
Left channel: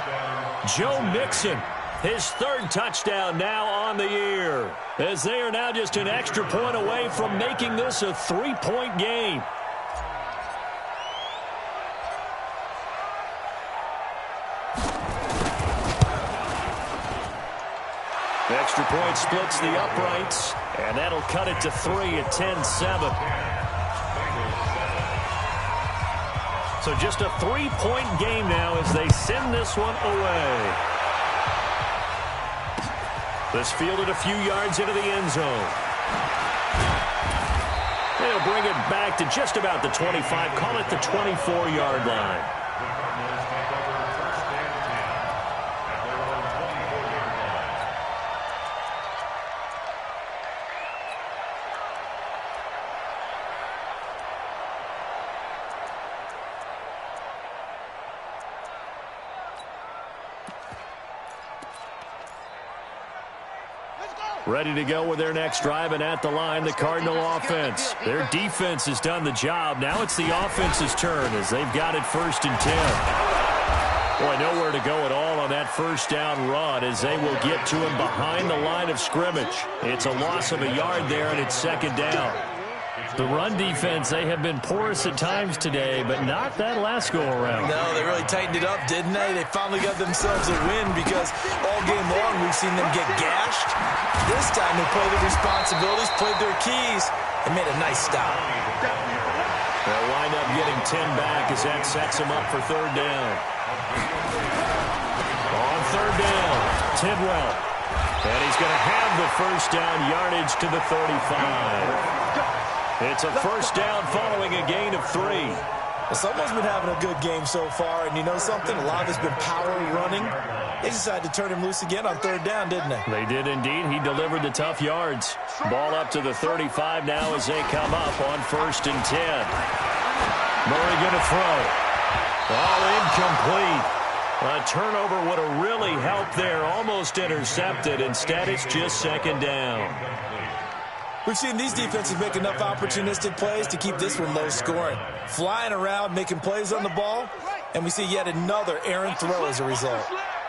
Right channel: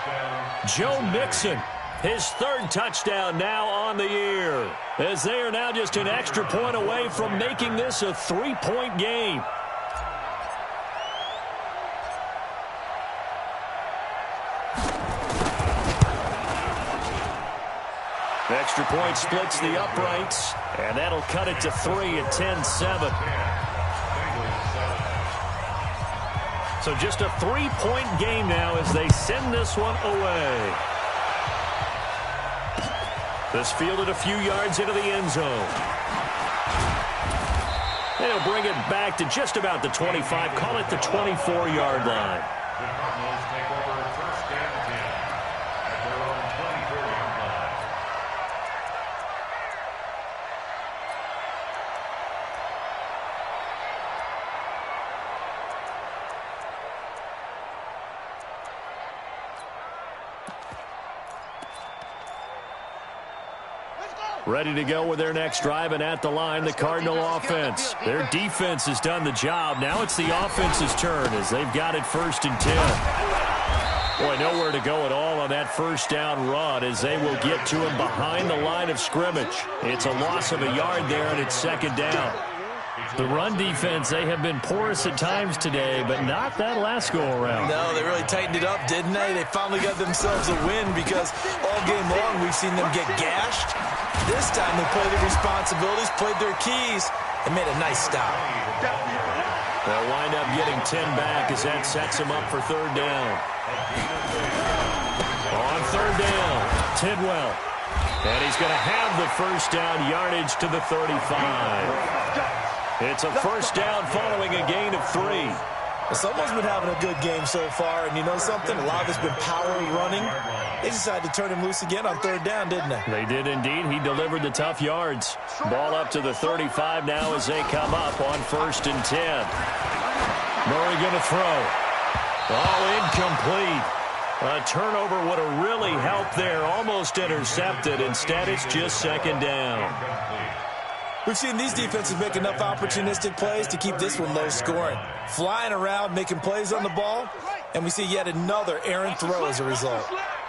Joe Mixon, his 3rd touchdown now on the year, as they are now just an extra point away from making this a 3-point game. The extra point splits the uprights, and that'll cut it to 3 at 10-7. So just a 3-point game now as they send this one away. This fielded a few yards into the end zone. They'll bring it back to just about the 25, call it the 24-yard line. The Cardinals take over 1st and 10 at their own 24-yard line. Ready to go with their next drive, and at the line, the Cardinal offense. Their defense has done the job. Now it's the offense's turn as they've got it 1st and 10. Boy, nowhere to go at all on that first down run as they will get to him behind the line of scrimmage. It's a loss of a yard there, and it's 2nd down. The run defense, they have been porous at times today, but not that last go-around. No, they really tightened it up, didn't they? They finally got themselves a win because all game long we've seen them get gashed. This time they played their responsibilities, played their keys, and made a nice stop. They'll wind up getting 10 back as that sets them up for 3rd down. On 3rd down, Tidwell. And he's going to have the first down yardage to the 35. It's a first down following a gain of 3. Well, someone's been having a good game so far, and you know something? A lot of it's been power running. They decided to turn him loose again on 3rd down, didn't they? They did indeed. He delivered the tough yards. Ball up to the 35 now as they come up on 1st and 10. Murray going to throw. Oh, incomplete. A turnover would have really helped there. Almost intercepted. Instead, it's just 2nd down. We've seen these defenses make enough opportunistic plays to keep this one low scoring. Flying around, making plays on the ball, and we see yet another errant throw as a result.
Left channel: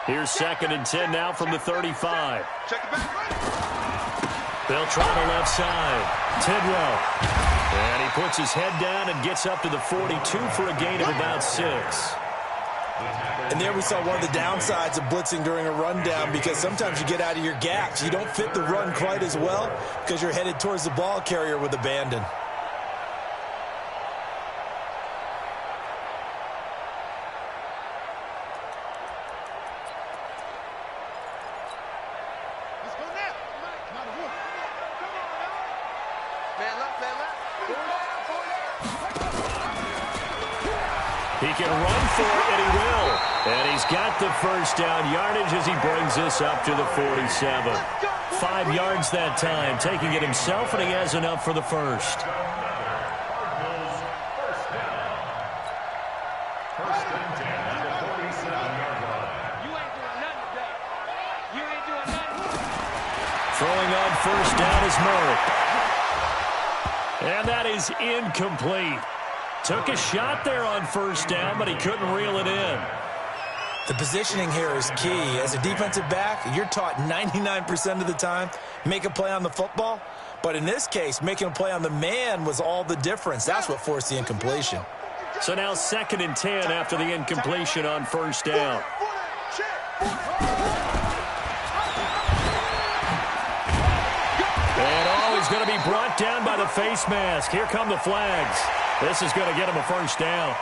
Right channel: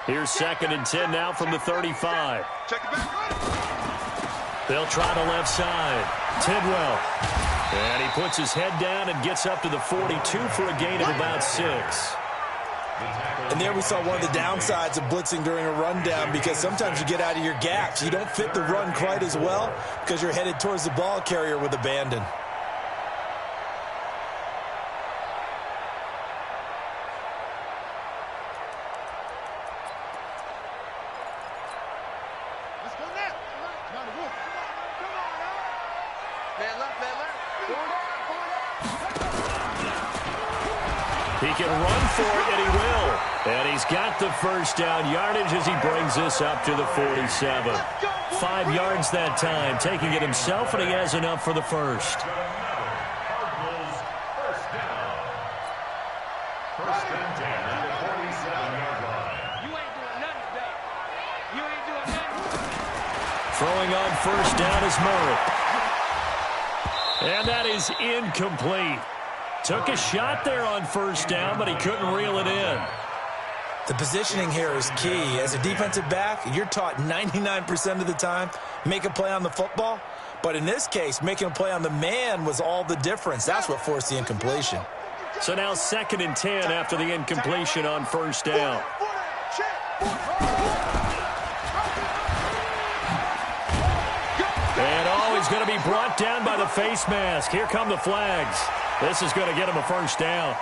Here's 2nd and 10 now from the 35. They'll try the left side. Tidwell. And he puts his head down and gets up to the 42 for a gain of about 6. And there we saw one of the downsides of blitzing during a rundown, because sometimes you get out of your gaps. You don't fit the run quite as well because you're headed towards the ball carrier with abandon. Let's go now. Come on now. Man left, man left. He can run for it, and he will. And he's got the first down yardage as he brings this up to the 47. 5 yards that time, taking it himself, and he has enough for the first. Cardinals first down. 1st and 10 at the 47-yard line. You ain't doing nothing today. You ain't doing nothing. Throwing on first down is Murray. And that is incomplete. Took a shot there on first down, but he couldn't reel it in. The positioning here is key. As a defensive back, you're taught 99% of the time, make a play on the football. But in this case, making a play on the man was all the difference. That's what forced the incompletion. So now 2nd and 10 after the incompletion on first down. And oh, he's going to be brought down by the face mask. Here come the flags. This is going to get him a first down.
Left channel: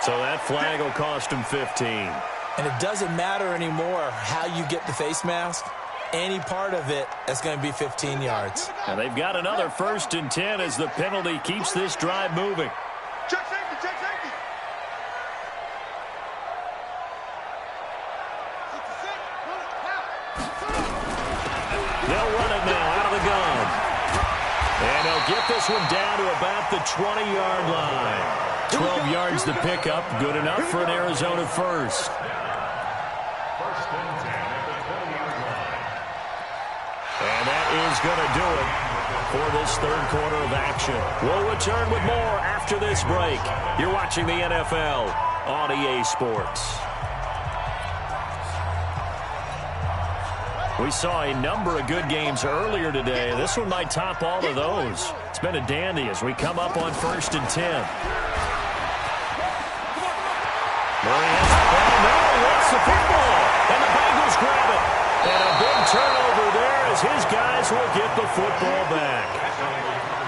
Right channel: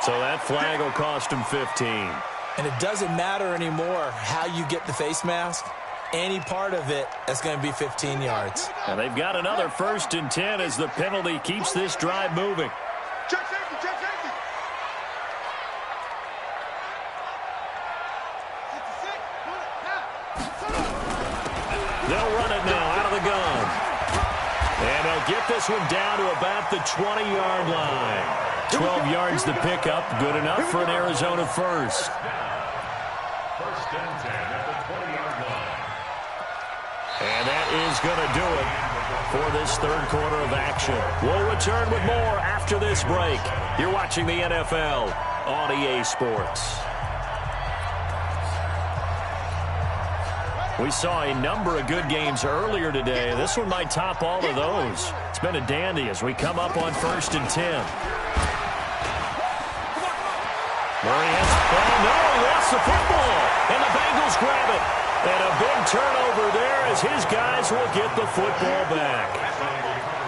So that flag will cost him 15. And it doesn't matter anymore how you get the face mask. Any part of it, that's going to be 15 yards. And they've got another 1st and 10 as the penalty keeps this drive moving. Check safety, check safety. 66, pull it, now. They'll run it now out of the gun. And they'll get this one down to about the 20-yard line. 12 yards to pick up, good enough for an Arizona first. 1st and 10 at the 20-yard line. And that is going to do it for this 3rd quarter of action. We'll return with more after this break. You're watching the NFL on EA Sports. We saw a number of good games earlier today. This one might top all of those. It's been a dandy as we come up on 1st and 10. Murray has the ball. No, he lost the football. And the Bengals grab it. And a big turnover there as his guys will get the football back.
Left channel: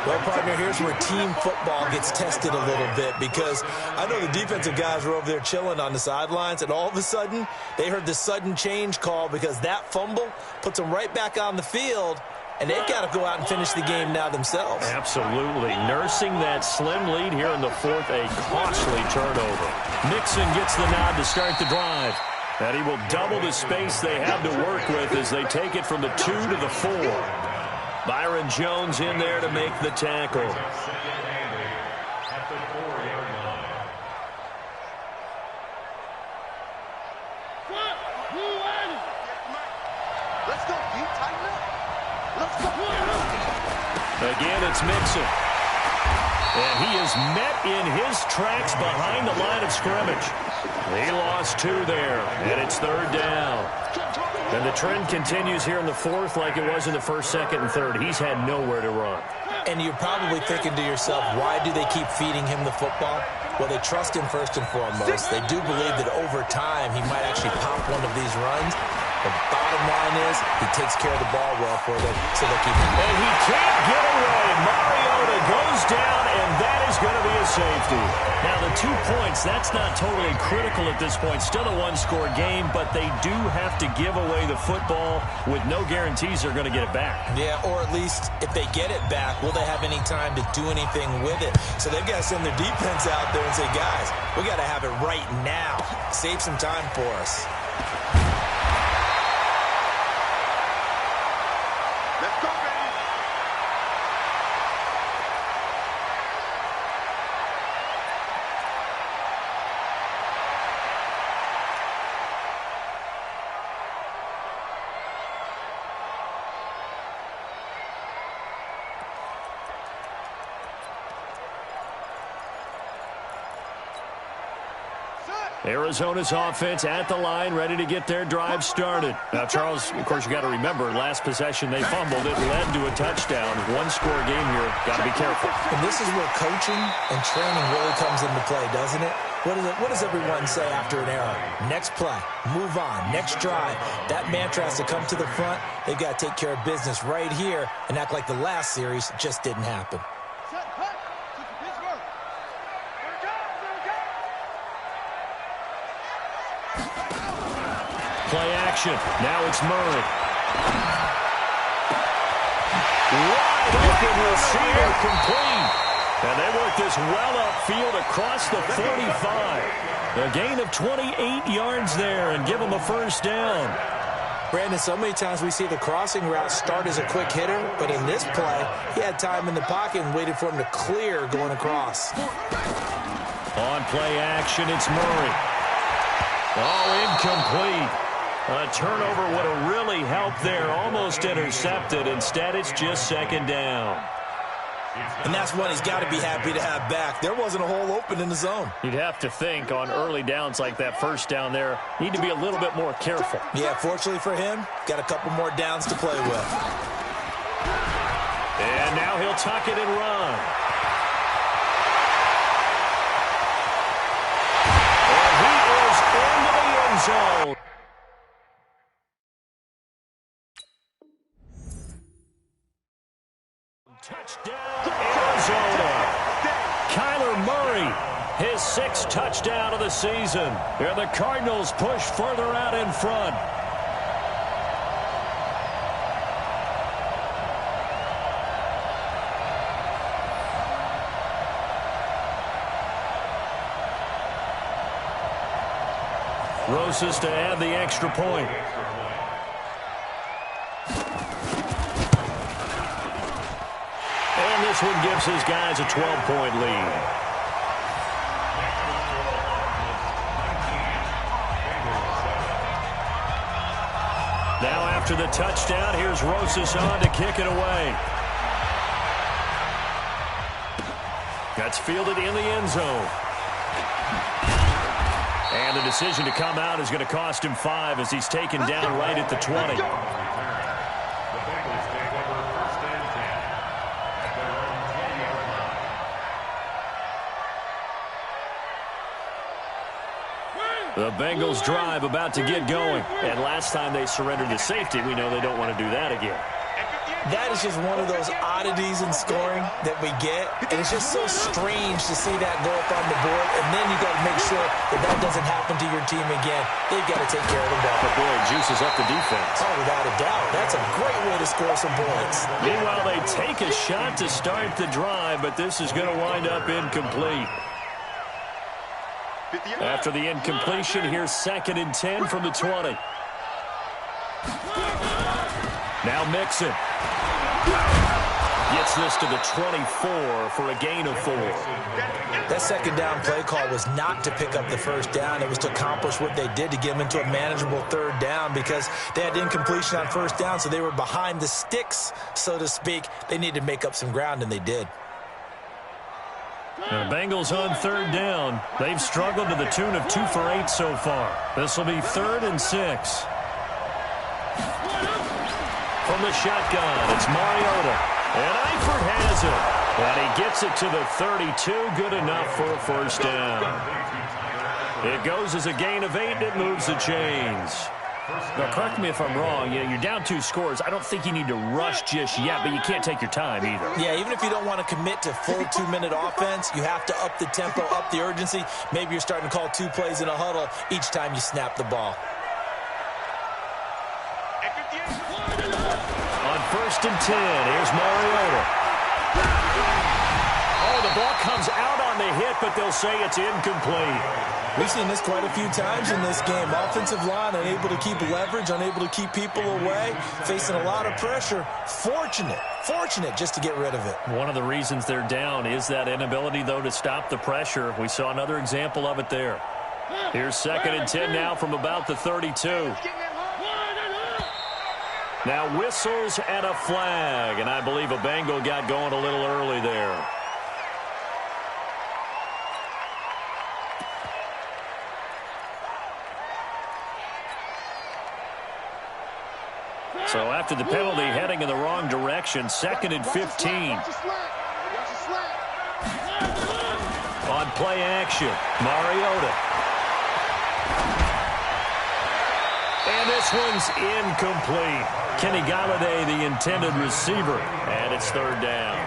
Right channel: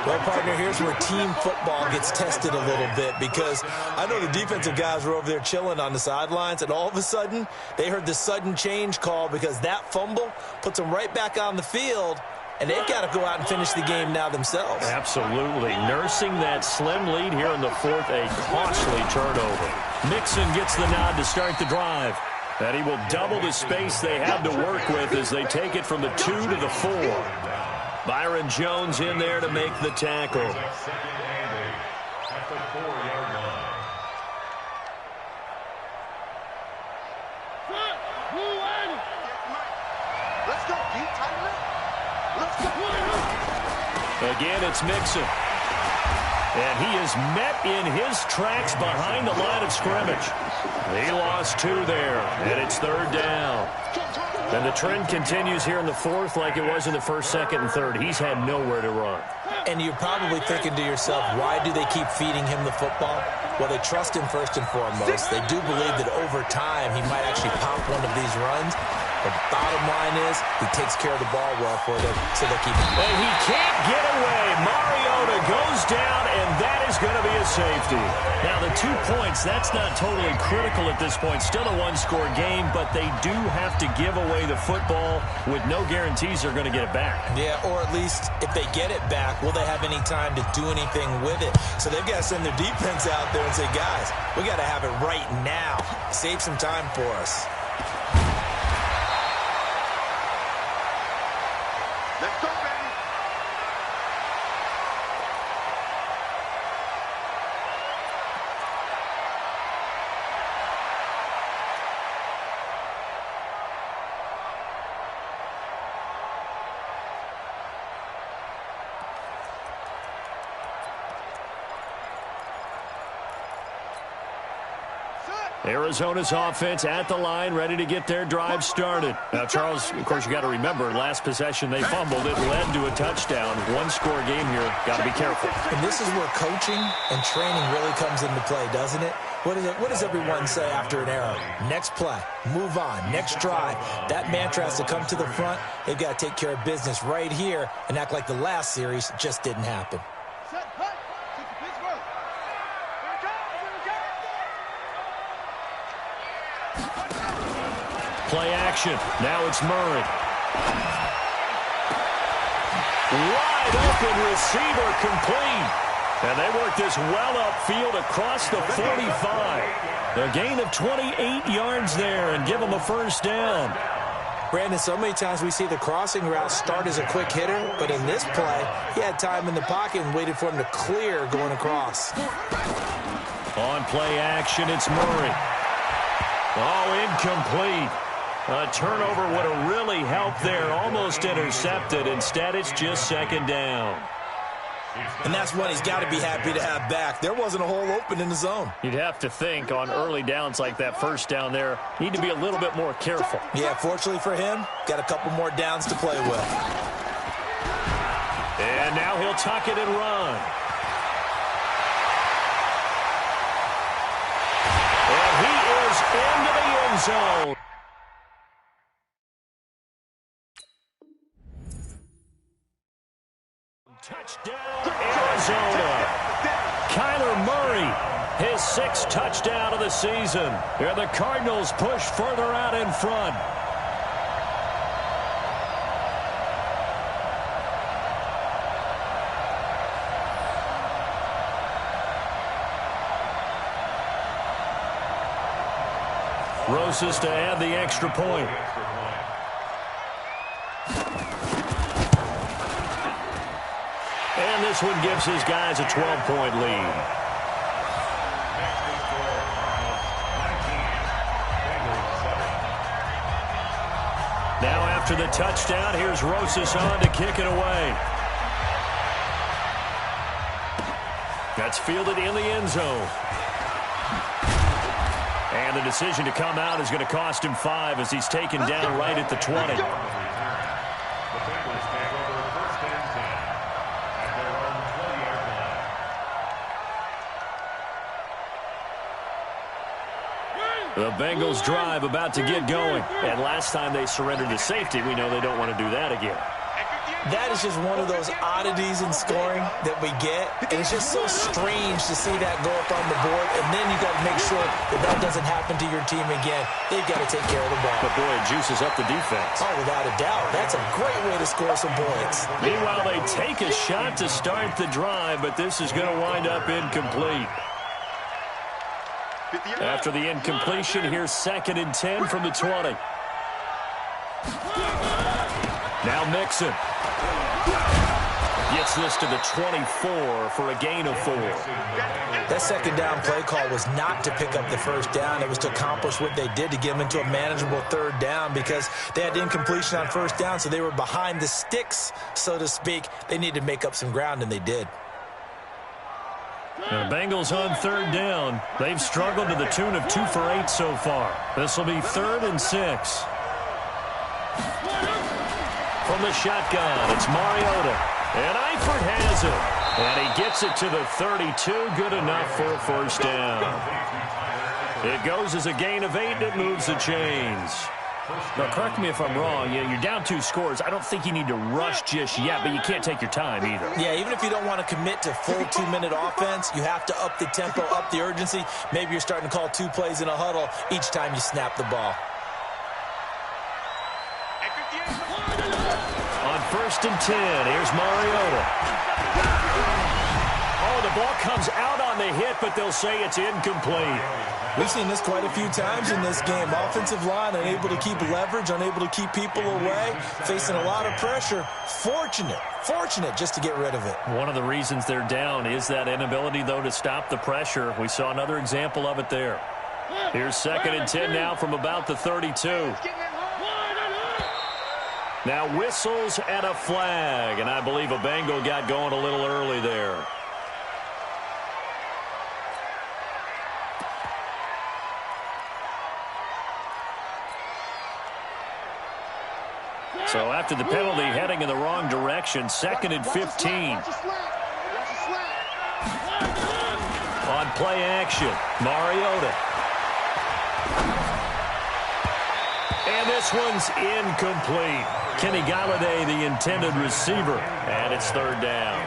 Well, partner, here's where team football gets tested a little bit, because I know the defensive guys were over there chilling on the sidelines, and all of a sudden, they heard the sudden change call because that fumble puts them right back on the field, and they've got to go out and finish the game now themselves. Absolutely. Nursing that slim lead here in the 4th, a costly turnover. Mixon gets the nod to start the drive. And he will double the space they have to work with as they take it from the 2 to the 4. Byron Jones in there to make the tackle. 2nd and 8 at the 4-yard line. Let's go, D. Tighten up. Again, it's Mixon. And he is met in his tracks behind the line of scrimmage. He lost 2 there, and it's 3rd down. And the trend continues here in the 4th like it was in the 1st, 2nd, and 3rd. He's had nowhere to run. And you're probably thinking to yourself, why do they keep feeding him the football? Well, they trust him first and foremost. They do believe that over time he might actually pop one of these runs. The bottom line is he takes care of the ball well for them, so they'll keep him. And he can't get away. Mariota goes down, and that is going to be a safety. Now, the 2 points, that's not totally critical at this point. Still a one-score game, but they do have to give away the football with no guarantees they're going to get it back. Yeah, or at least if they get it back, will they have any time to do anything with it? So they've got to send their defense out there and say, guys, we got to have it right now. Save some time for us. Let's go, baby. Arizona's offense at the line, ready to get their drive started. Now, Charles, of course, you got to remember, last possession they fumbled. It led to a touchdown. One-score game here. Got to be careful. And this is where coaching and training really comes into play, doesn't it? What does everyone say after an error? Next play, move on, next drive. That mantra has to come to the front. They've got to take care of business right here and act like the last series just didn't happen. Play action. Now it's Murray. Wide open receiver complete. And they work this well upfield across the 45. A gain of 28 yards there and give them a 1st down. Brandon, so many times we see the crossing route start as a quick hitter, but in this play, he had time in the pocket and waited for him to clear going across. On play action, it's Murray. Oh, incomplete. A turnover would have really helped there. Almost intercepted. Instead, it's just 2nd down. And that's one he's got to be happy to have back. There wasn't a hole open in the zone. You'd have to think on early downs like that 1st down there, need to be a little bit more careful. Yeah, fortunately for him, got a couple more downs to play with. And now he'll tuck it and run. And he is into the end zone. Touchdown, Arizona. Kyler Murray, his 6th touchdown of the season. And the Cardinals push further out in front. Rosas to add the extra point. And this one gives his guys a 12-point lead. Now after the touchdown, here's Rosas on to kick it away. That's fielded in the end zone. And the decision to come out is going to cost him 5 as he's taken down right at the 20. The Bengals take over 1st and 10 at their own 20-yard line. The Bengals drive about to get going. And last time they surrendered to safety, we know they don't want to do that again. That is just one of those oddities in scoring that we get. And it's just so strange to see that go up on the board. And then you got to make sure that that doesn't happen to your team again. They've got to take care of the ball. But, boy, it juices up the defense. Oh, without a doubt. That's a great way to score some points. Meanwhile, they take a shot to start the drive, but this is going to wind up incomplete. After the incompletion, here's 2nd and 10 from the 20. Now Mixon. Gets this to the 24 for a gain of 4. That second down play call was not to pick up the first down. It was to accomplish what they did, to get them into a manageable third down, because they had incompletion on first down, so they were behind the sticks, so to speak. They needed to make up some ground, and they did. The Bengals on third down. They've struggled to the tune of 2 for 8 so far. This will be 3rd and 6. From the shotgun, it's Mariota. And Eifert has it. And he gets it to the 32. Good enough for a first down. It goes as a gain of 8, and it moves the chains. Now, correct me if I'm wrong. Yeah, you're down 2 scores. I don't think you need to rush just yet, but you can't take your time either. Yeah, even if you don't want to commit to full 2-minute offense, you have to up the tempo, up the urgency. Maybe you're starting to call 2 plays in a huddle each time you snap the ball. On 1st and 10, here's Mariota. Oh, the ball comes out on the hit, but they'll say it's incomplete. We've seen this quite a few times in this game. Offensive line unable to keep leverage, unable to keep people away, facing a lot of pressure. Fortunate just to get rid of it. One of the reasons they're down is that inability, though, to stop the pressure. We saw another example of it there. Here's 2nd and 10 now from about the 32. Now whistles and a flag, and I believe a Bengal got going a little early there. So after the penalty, heading in the wrong direction, 2nd and 15. On play action, Mariota. And this one's incomplete. Kenny Galladay, the intended receiver, and it's 3rd down.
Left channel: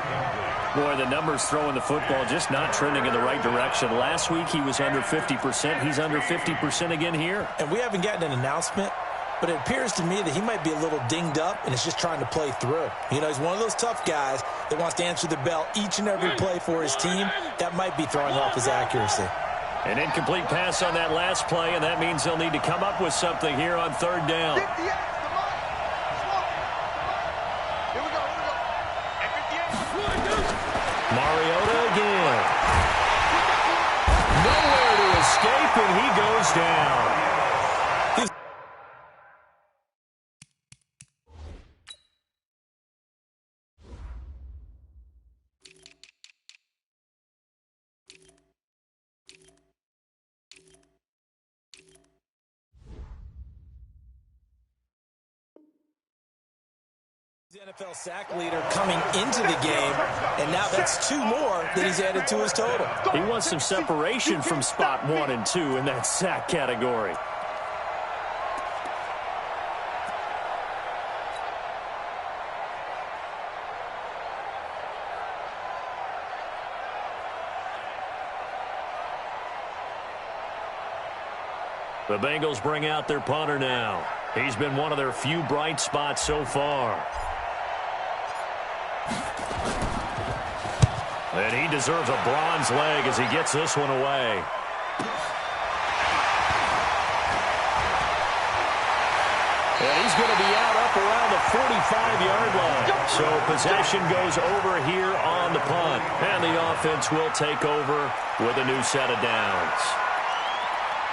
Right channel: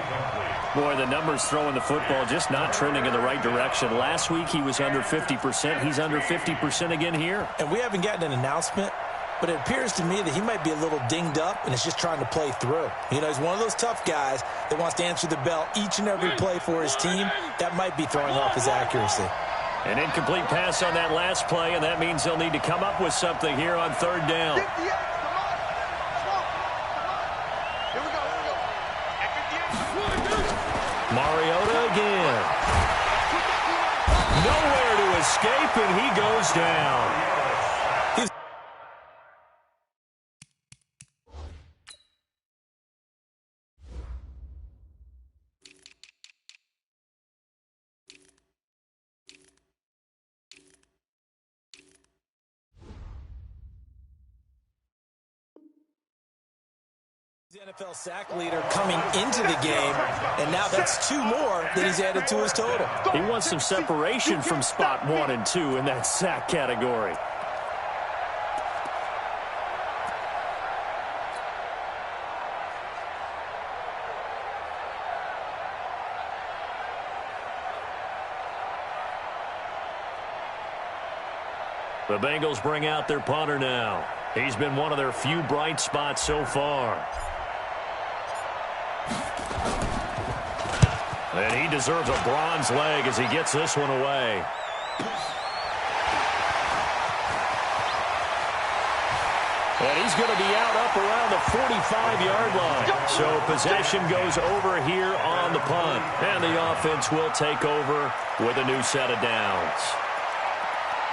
Boy, the numbers throwing the football just not trending in the right direction. Last week he was under 50%. He's under 50% again here. And we haven't gotten an announcement, but it appears to me that he might be a little dinged up and is just trying to play through. You know, he's one of those tough guys that wants to answer the bell each and every play for his team. That might be throwing off his accuracy. An incomplete pass on that last play, and that means they'll need to come up with something here on 3rd down. Mariota again. Nowhere to escape, and he goes down. NFL sack leader coming into the game, and now that's 2 more that he's added to his total. He wants some separation from spot 1 and 2 in that sack category. The Bengals bring out their punter now. He's been one of their few bright spots so far. And he deserves a bronze leg as he gets this one away. And he's going to be out up around the 45-yard line. So possession goes over here on the punt. And the offense will take over with a new set of downs.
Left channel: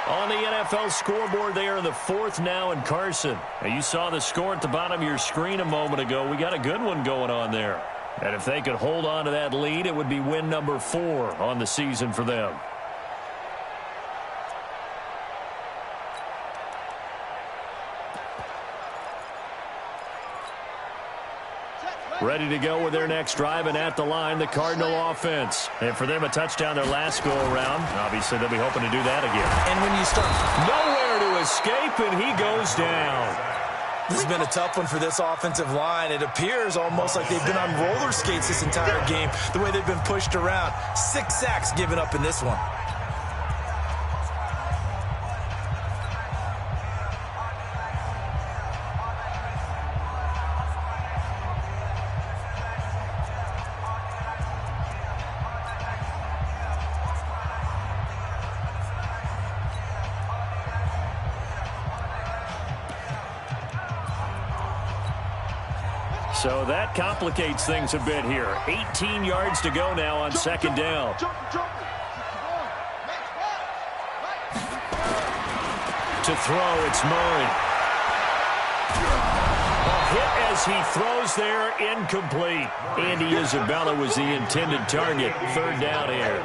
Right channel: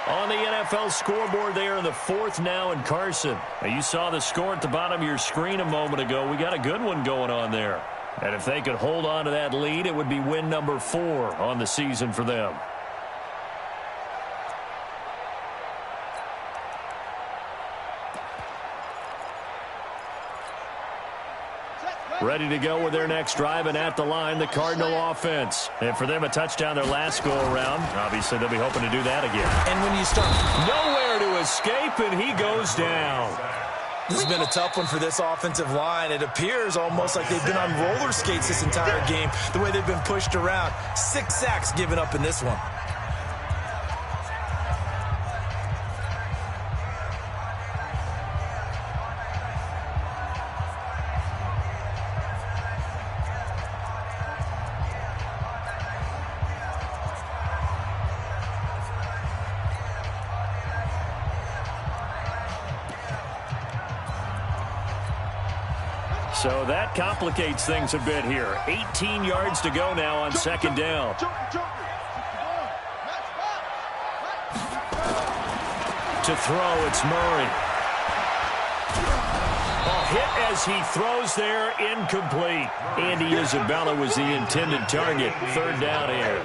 On the NFL scoreboard there in the 4th now in Carson. Now you saw the score at the bottom of your screen a moment ago. We got a good one going on there. And if they could hold on to that lead, it would be win number 4 on the season for them. Ready to go with their next drive, and at the line, the Cardinal offense. And for them, a touchdown their last go-around. Obviously, they'll be hoping to do that again. And when you start... Nowhere to escape, and he goes down. This has been a tough one for this offensive line. It appears almost like they've been on roller skates this entire game, the way they've been pushed around. 6 sacks given up in this one. So that complicates things a bit here. 18 yards to go now on second down. To throw, it's Murray. Hit as he throws there, incomplete. Andy Isabella was the intended target. Third down here.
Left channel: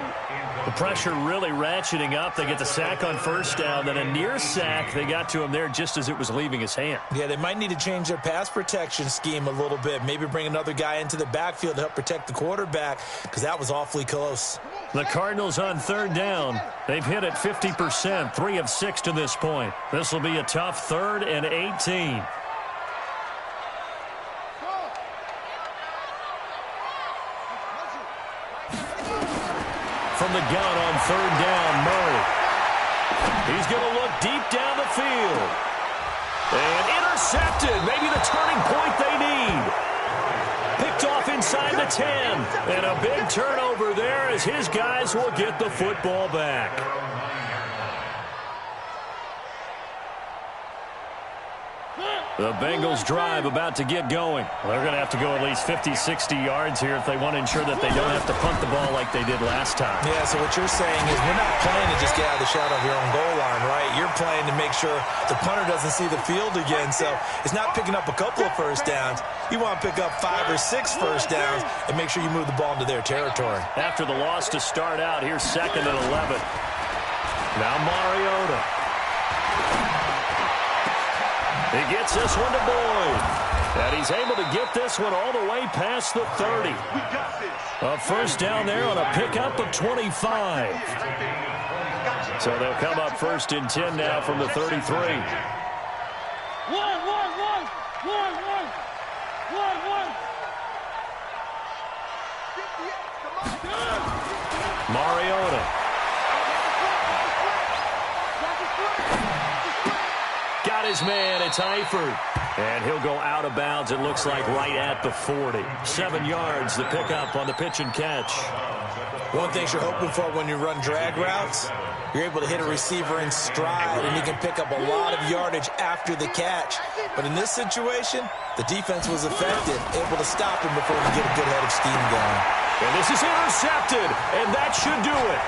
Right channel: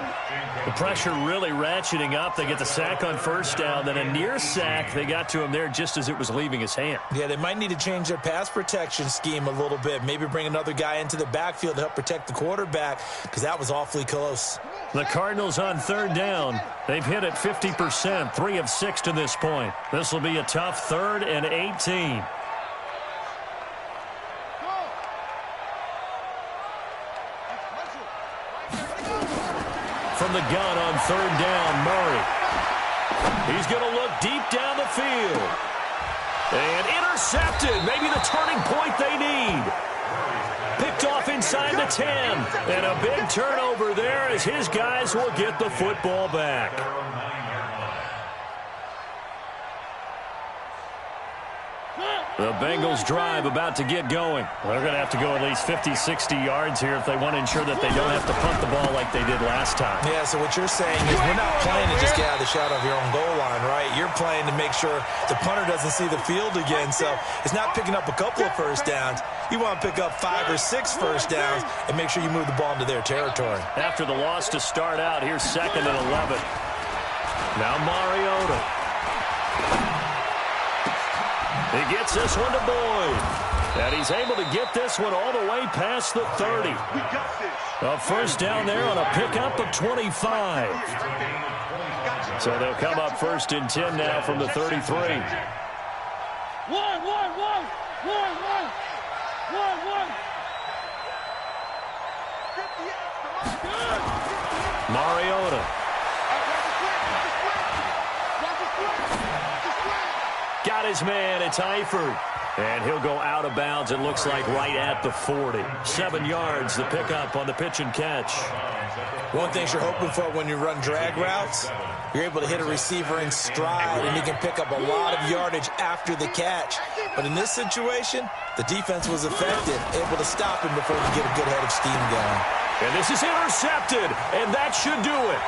The pressure really ratcheting up. They get the sack on first down, then a near sack. They got to him there just as it was leaving his hand. Yeah, they might need to change their pass protection scheme a little bit. Maybe bring another guy into the backfield to help protect the quarterback, because that was awfully close. The Cardinals on third down. They've hit it 50%, 3 of 6 to this point. This will be a tough 3rd and 18. From the gun on third down, Murray. He's going to look deep down the field. And intercepted. Maybe the turning point they need. Picked off inside the 10. And a big turnover there as his guys will get the football back. The Bengals drive about to get going. They're going to have to go at least 50, 60 yards here if they want to ensure that they don't have to punt the ball like they did last time. Yeah, so what you're saying is we're not playing to just get out of the shadow of your own goal line, right? You're playing to make sure the punter doesn't see the field again. So it's not picking up a couple of first downs. You want to pick up 5 or 6 first downs and make sure you move the ball into their territory. After the loss to start out, here's 2nd and 11. Now Mariota. He gets this one to Boyd. And he's able to get this one all the way past the 30. A first down there on a pickup of 25. So they'll come up 1st and 10 now from the 33. Mariota. Got his man. It's Eifert. And he'll go out of bounds, it looks like, right at the 40. 7 yards, the pickup on the pitch and catch. One thing you're hoping for when you run drag routes, you're able to hit a receiver in stride, and he can pick up a lot of yardage after the catch. But in this situation, the defense was effective, able to stop him before he could get a good head of steam going. And this is intercepted, and that should do it.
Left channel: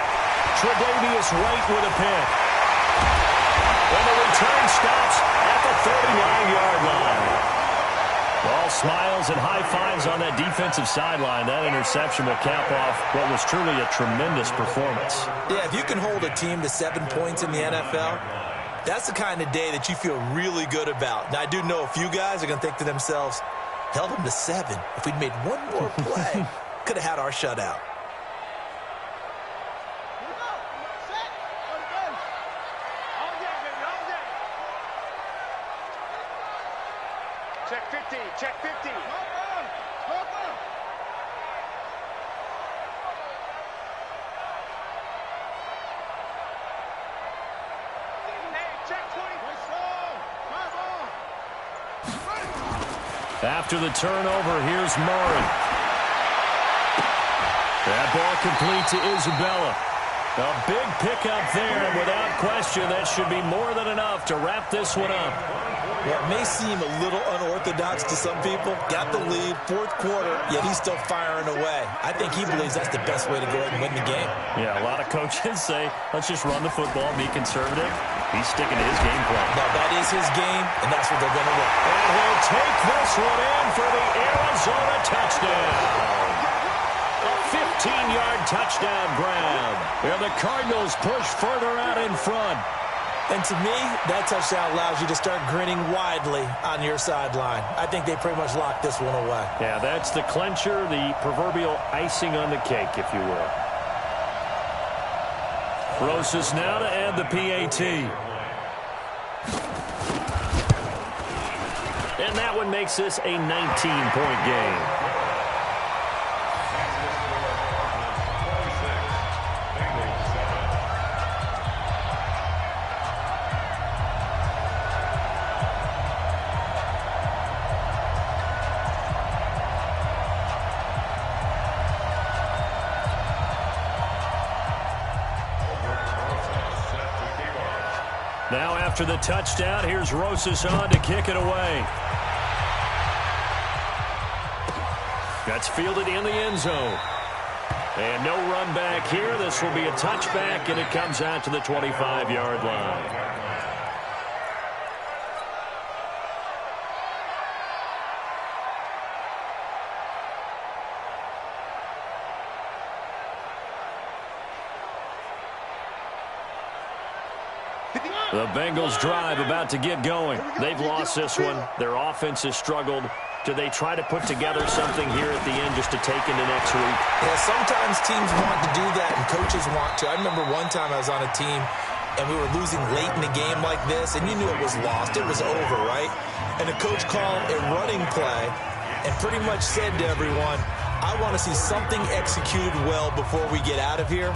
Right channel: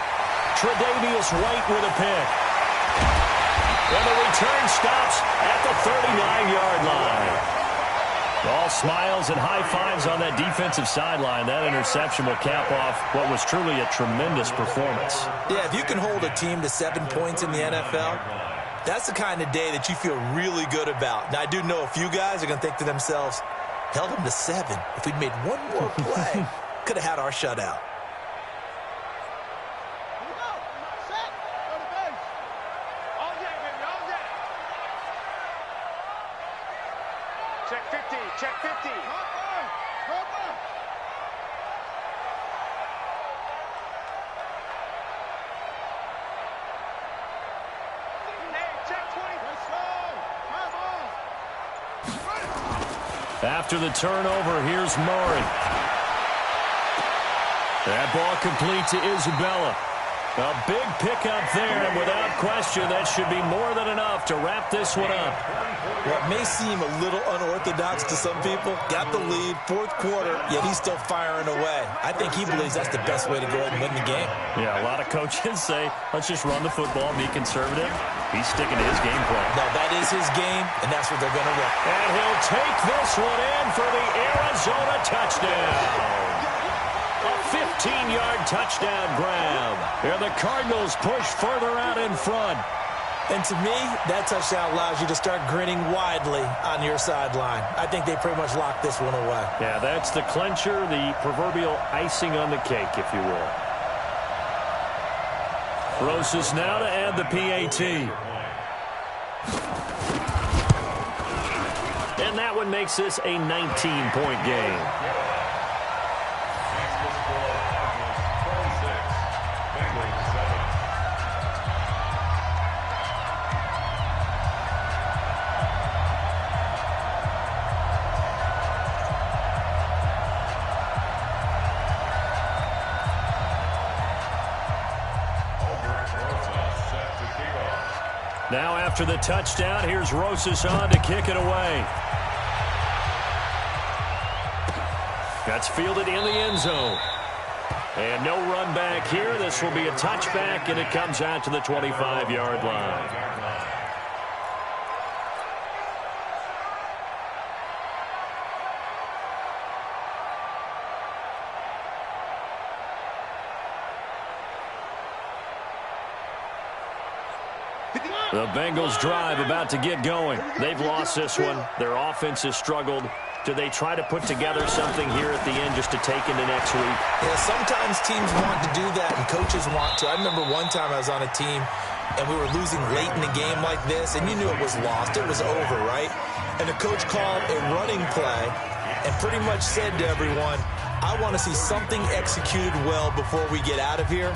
Tre'Davious White with a pick. And the return stops at the 39-yard line. All smiles and high fives on that defensive sideline. That interception will cap off what was truly a tremendous performance. Yeah, if you can hold a team to 7 points in the NFL, that's the kind of day that you feel really good about. Now, I do know a few guys are going to think to themselves, held them to 7. If we'd made one more play, could have had our shutout. Check 50, check 50. Hey, check 20. After the turnover, here's Murray. That ball complete to Isabella. A big pickup there, and without question, that should be more than enough to wrap this one up. What may seem a little unorthodox to some people, got the lead, 4th quarter, yet he's still firing away. I think he believes that's the best way to go ahead and win the game. Yeah, a lot of coaches say, let's just run the football, be conservative. He's sticking to his game plan. No, that is his game, and that's what they're going to run. And he'll take this one in for the Arizona touchdown. A 15-yard touchdown grab. And the Cardinals push further out in front. And to me, that touchdown allows you to start grinning widely on your sideline. I think they pretty much locked this one away. Yeah, that's the clincher, the proverbial icing on the cake, if you will. Rosas now to add the PAT. And that one makes this a 19-point game. Now after the touchdown, here's Rosas on to kick it away. That's fielded in the end zone. And no run back here. This will be a touchback, and it comes out to the 25-yard line. The Bengals drive about to get going. They've lost this one. Their offense has struggled. Do they try to put together something here at the end just to take into next week? Yeah, sometimes teams want to do that and coaches want to. I remember one time I was on a team and we were losing late in a game like this, and you knew it was lost. It was over, right? And the coach called a running play and pretty much said to everyone, I want to see something executed well before we get out of here.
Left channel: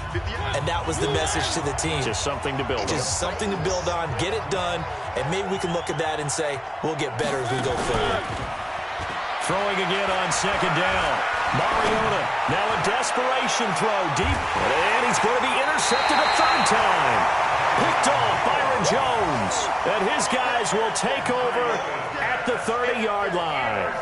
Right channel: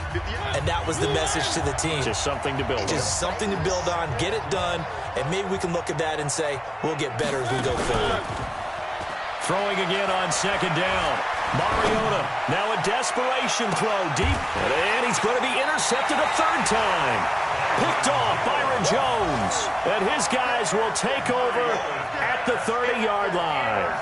And that was the message to the team. Just something to build on. Just something to build on, get it done, and maybe we can look at that and say, we'll get better as we go forward. Throwing again on second down. Mariota, now a desperation throw deep. And he's going to be intercepted a third time. Picked off Byron Jones. And his guys will take over at the 30-yard line.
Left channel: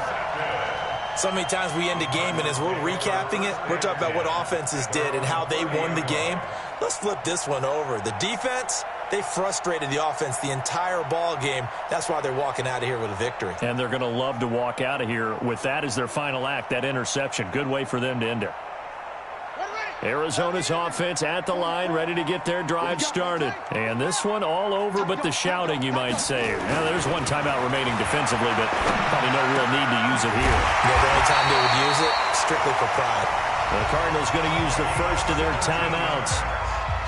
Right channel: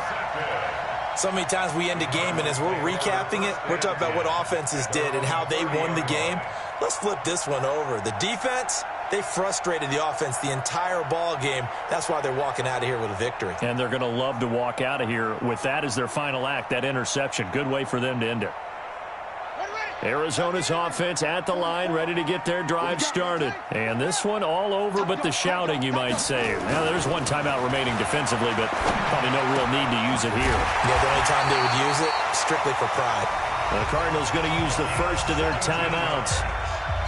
So many times we end a game, and as we're recapping it, we're talking about what offenses did and how they won the game. Let's flip this one over. The defense, they frustrated the offense the entire ball game. That's why they're walking out of here with a victory. And they're going to love to walk out of here with that as their final act, that interception. Good way for them to end it. Arizona's offense at the line, ready to get their drive started. And this one all over but the shouting, you might say. Now, there's one timeout remaining defensively, but probably no real need to use it here. Yeah, the only time they would use it, strictly for pride. The Cardinals going to use the first of their timeouts.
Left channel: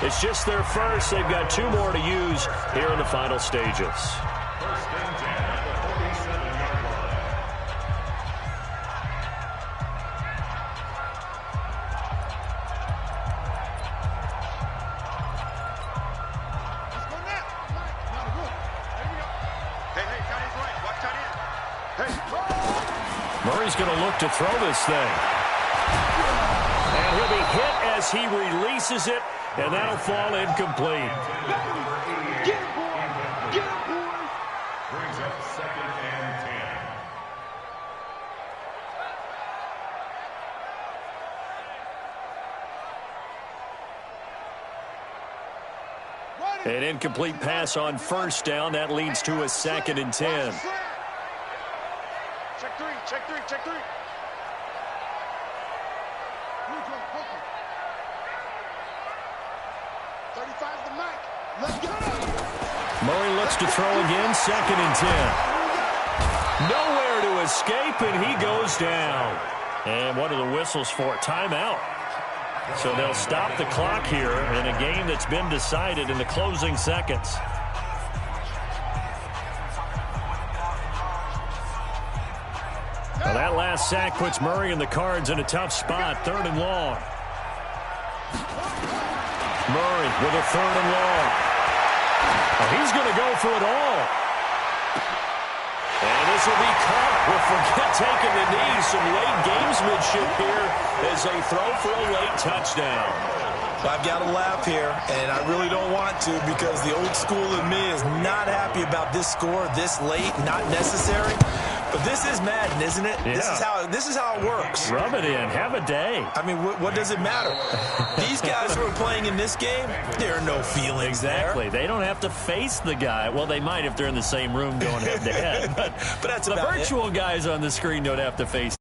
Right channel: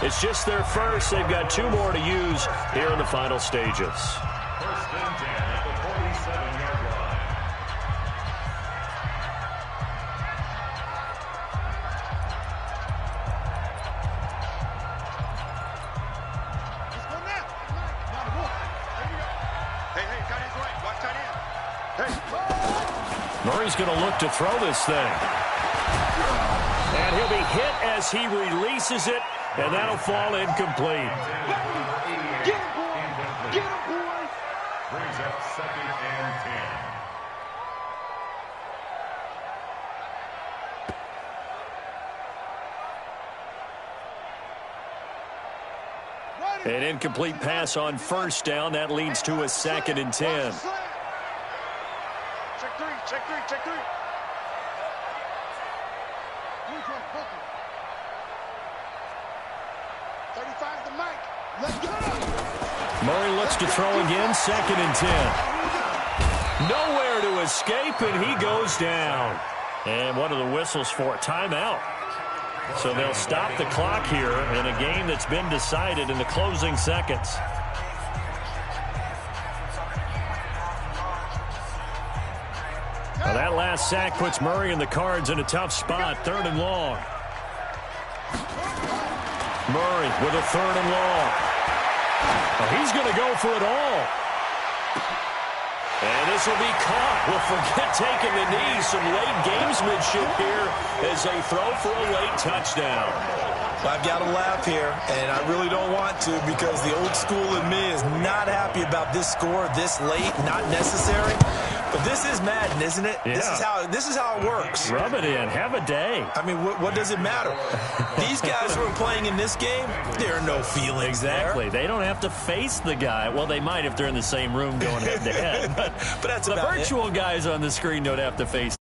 It's just their first. They've got 2 more to use here in the final stages. First and 10 at the 47-yard line. Murray's going to look to throw this thing. And he'll be hit as he releases it, and that'll fall incomplete. Get him, boy. Get him, boy. Brings up second and 10. An incomplete pass on first down. That leads to a 2nd and 10. Check three, check three, check three. 35's the mic. Let's go. Murray looks to throw again. 2nd and 10. Nowhere to escape, and he goes down. And what are the whistles for? Timeout. So they'll stop the clock here in a game that's been decided in the closing seconds. Now that last sack puts Murray and the Cards in a tough spot. 3rd and long. Murray with a 3rd and long. Oh, he's going to go for it all. And this will be caught. Well, forget taking the knee. Some late gamesmanship here as they throw for a late touchdown. Well, I've got to laugh here, and I really don't want to because the old school in me is not happy about this score this late, not necessary. But this is Madden, isn't it? Yeah. This is how it works. Rub it in. Have a day. I mean, what does it matter? These guys who are playing in this game, there are no feelings Exactly. there. They don't have to face the guy. Well, they might if they're in the same room going head-to-head. But that's the about virtual guys on the screen don't have to face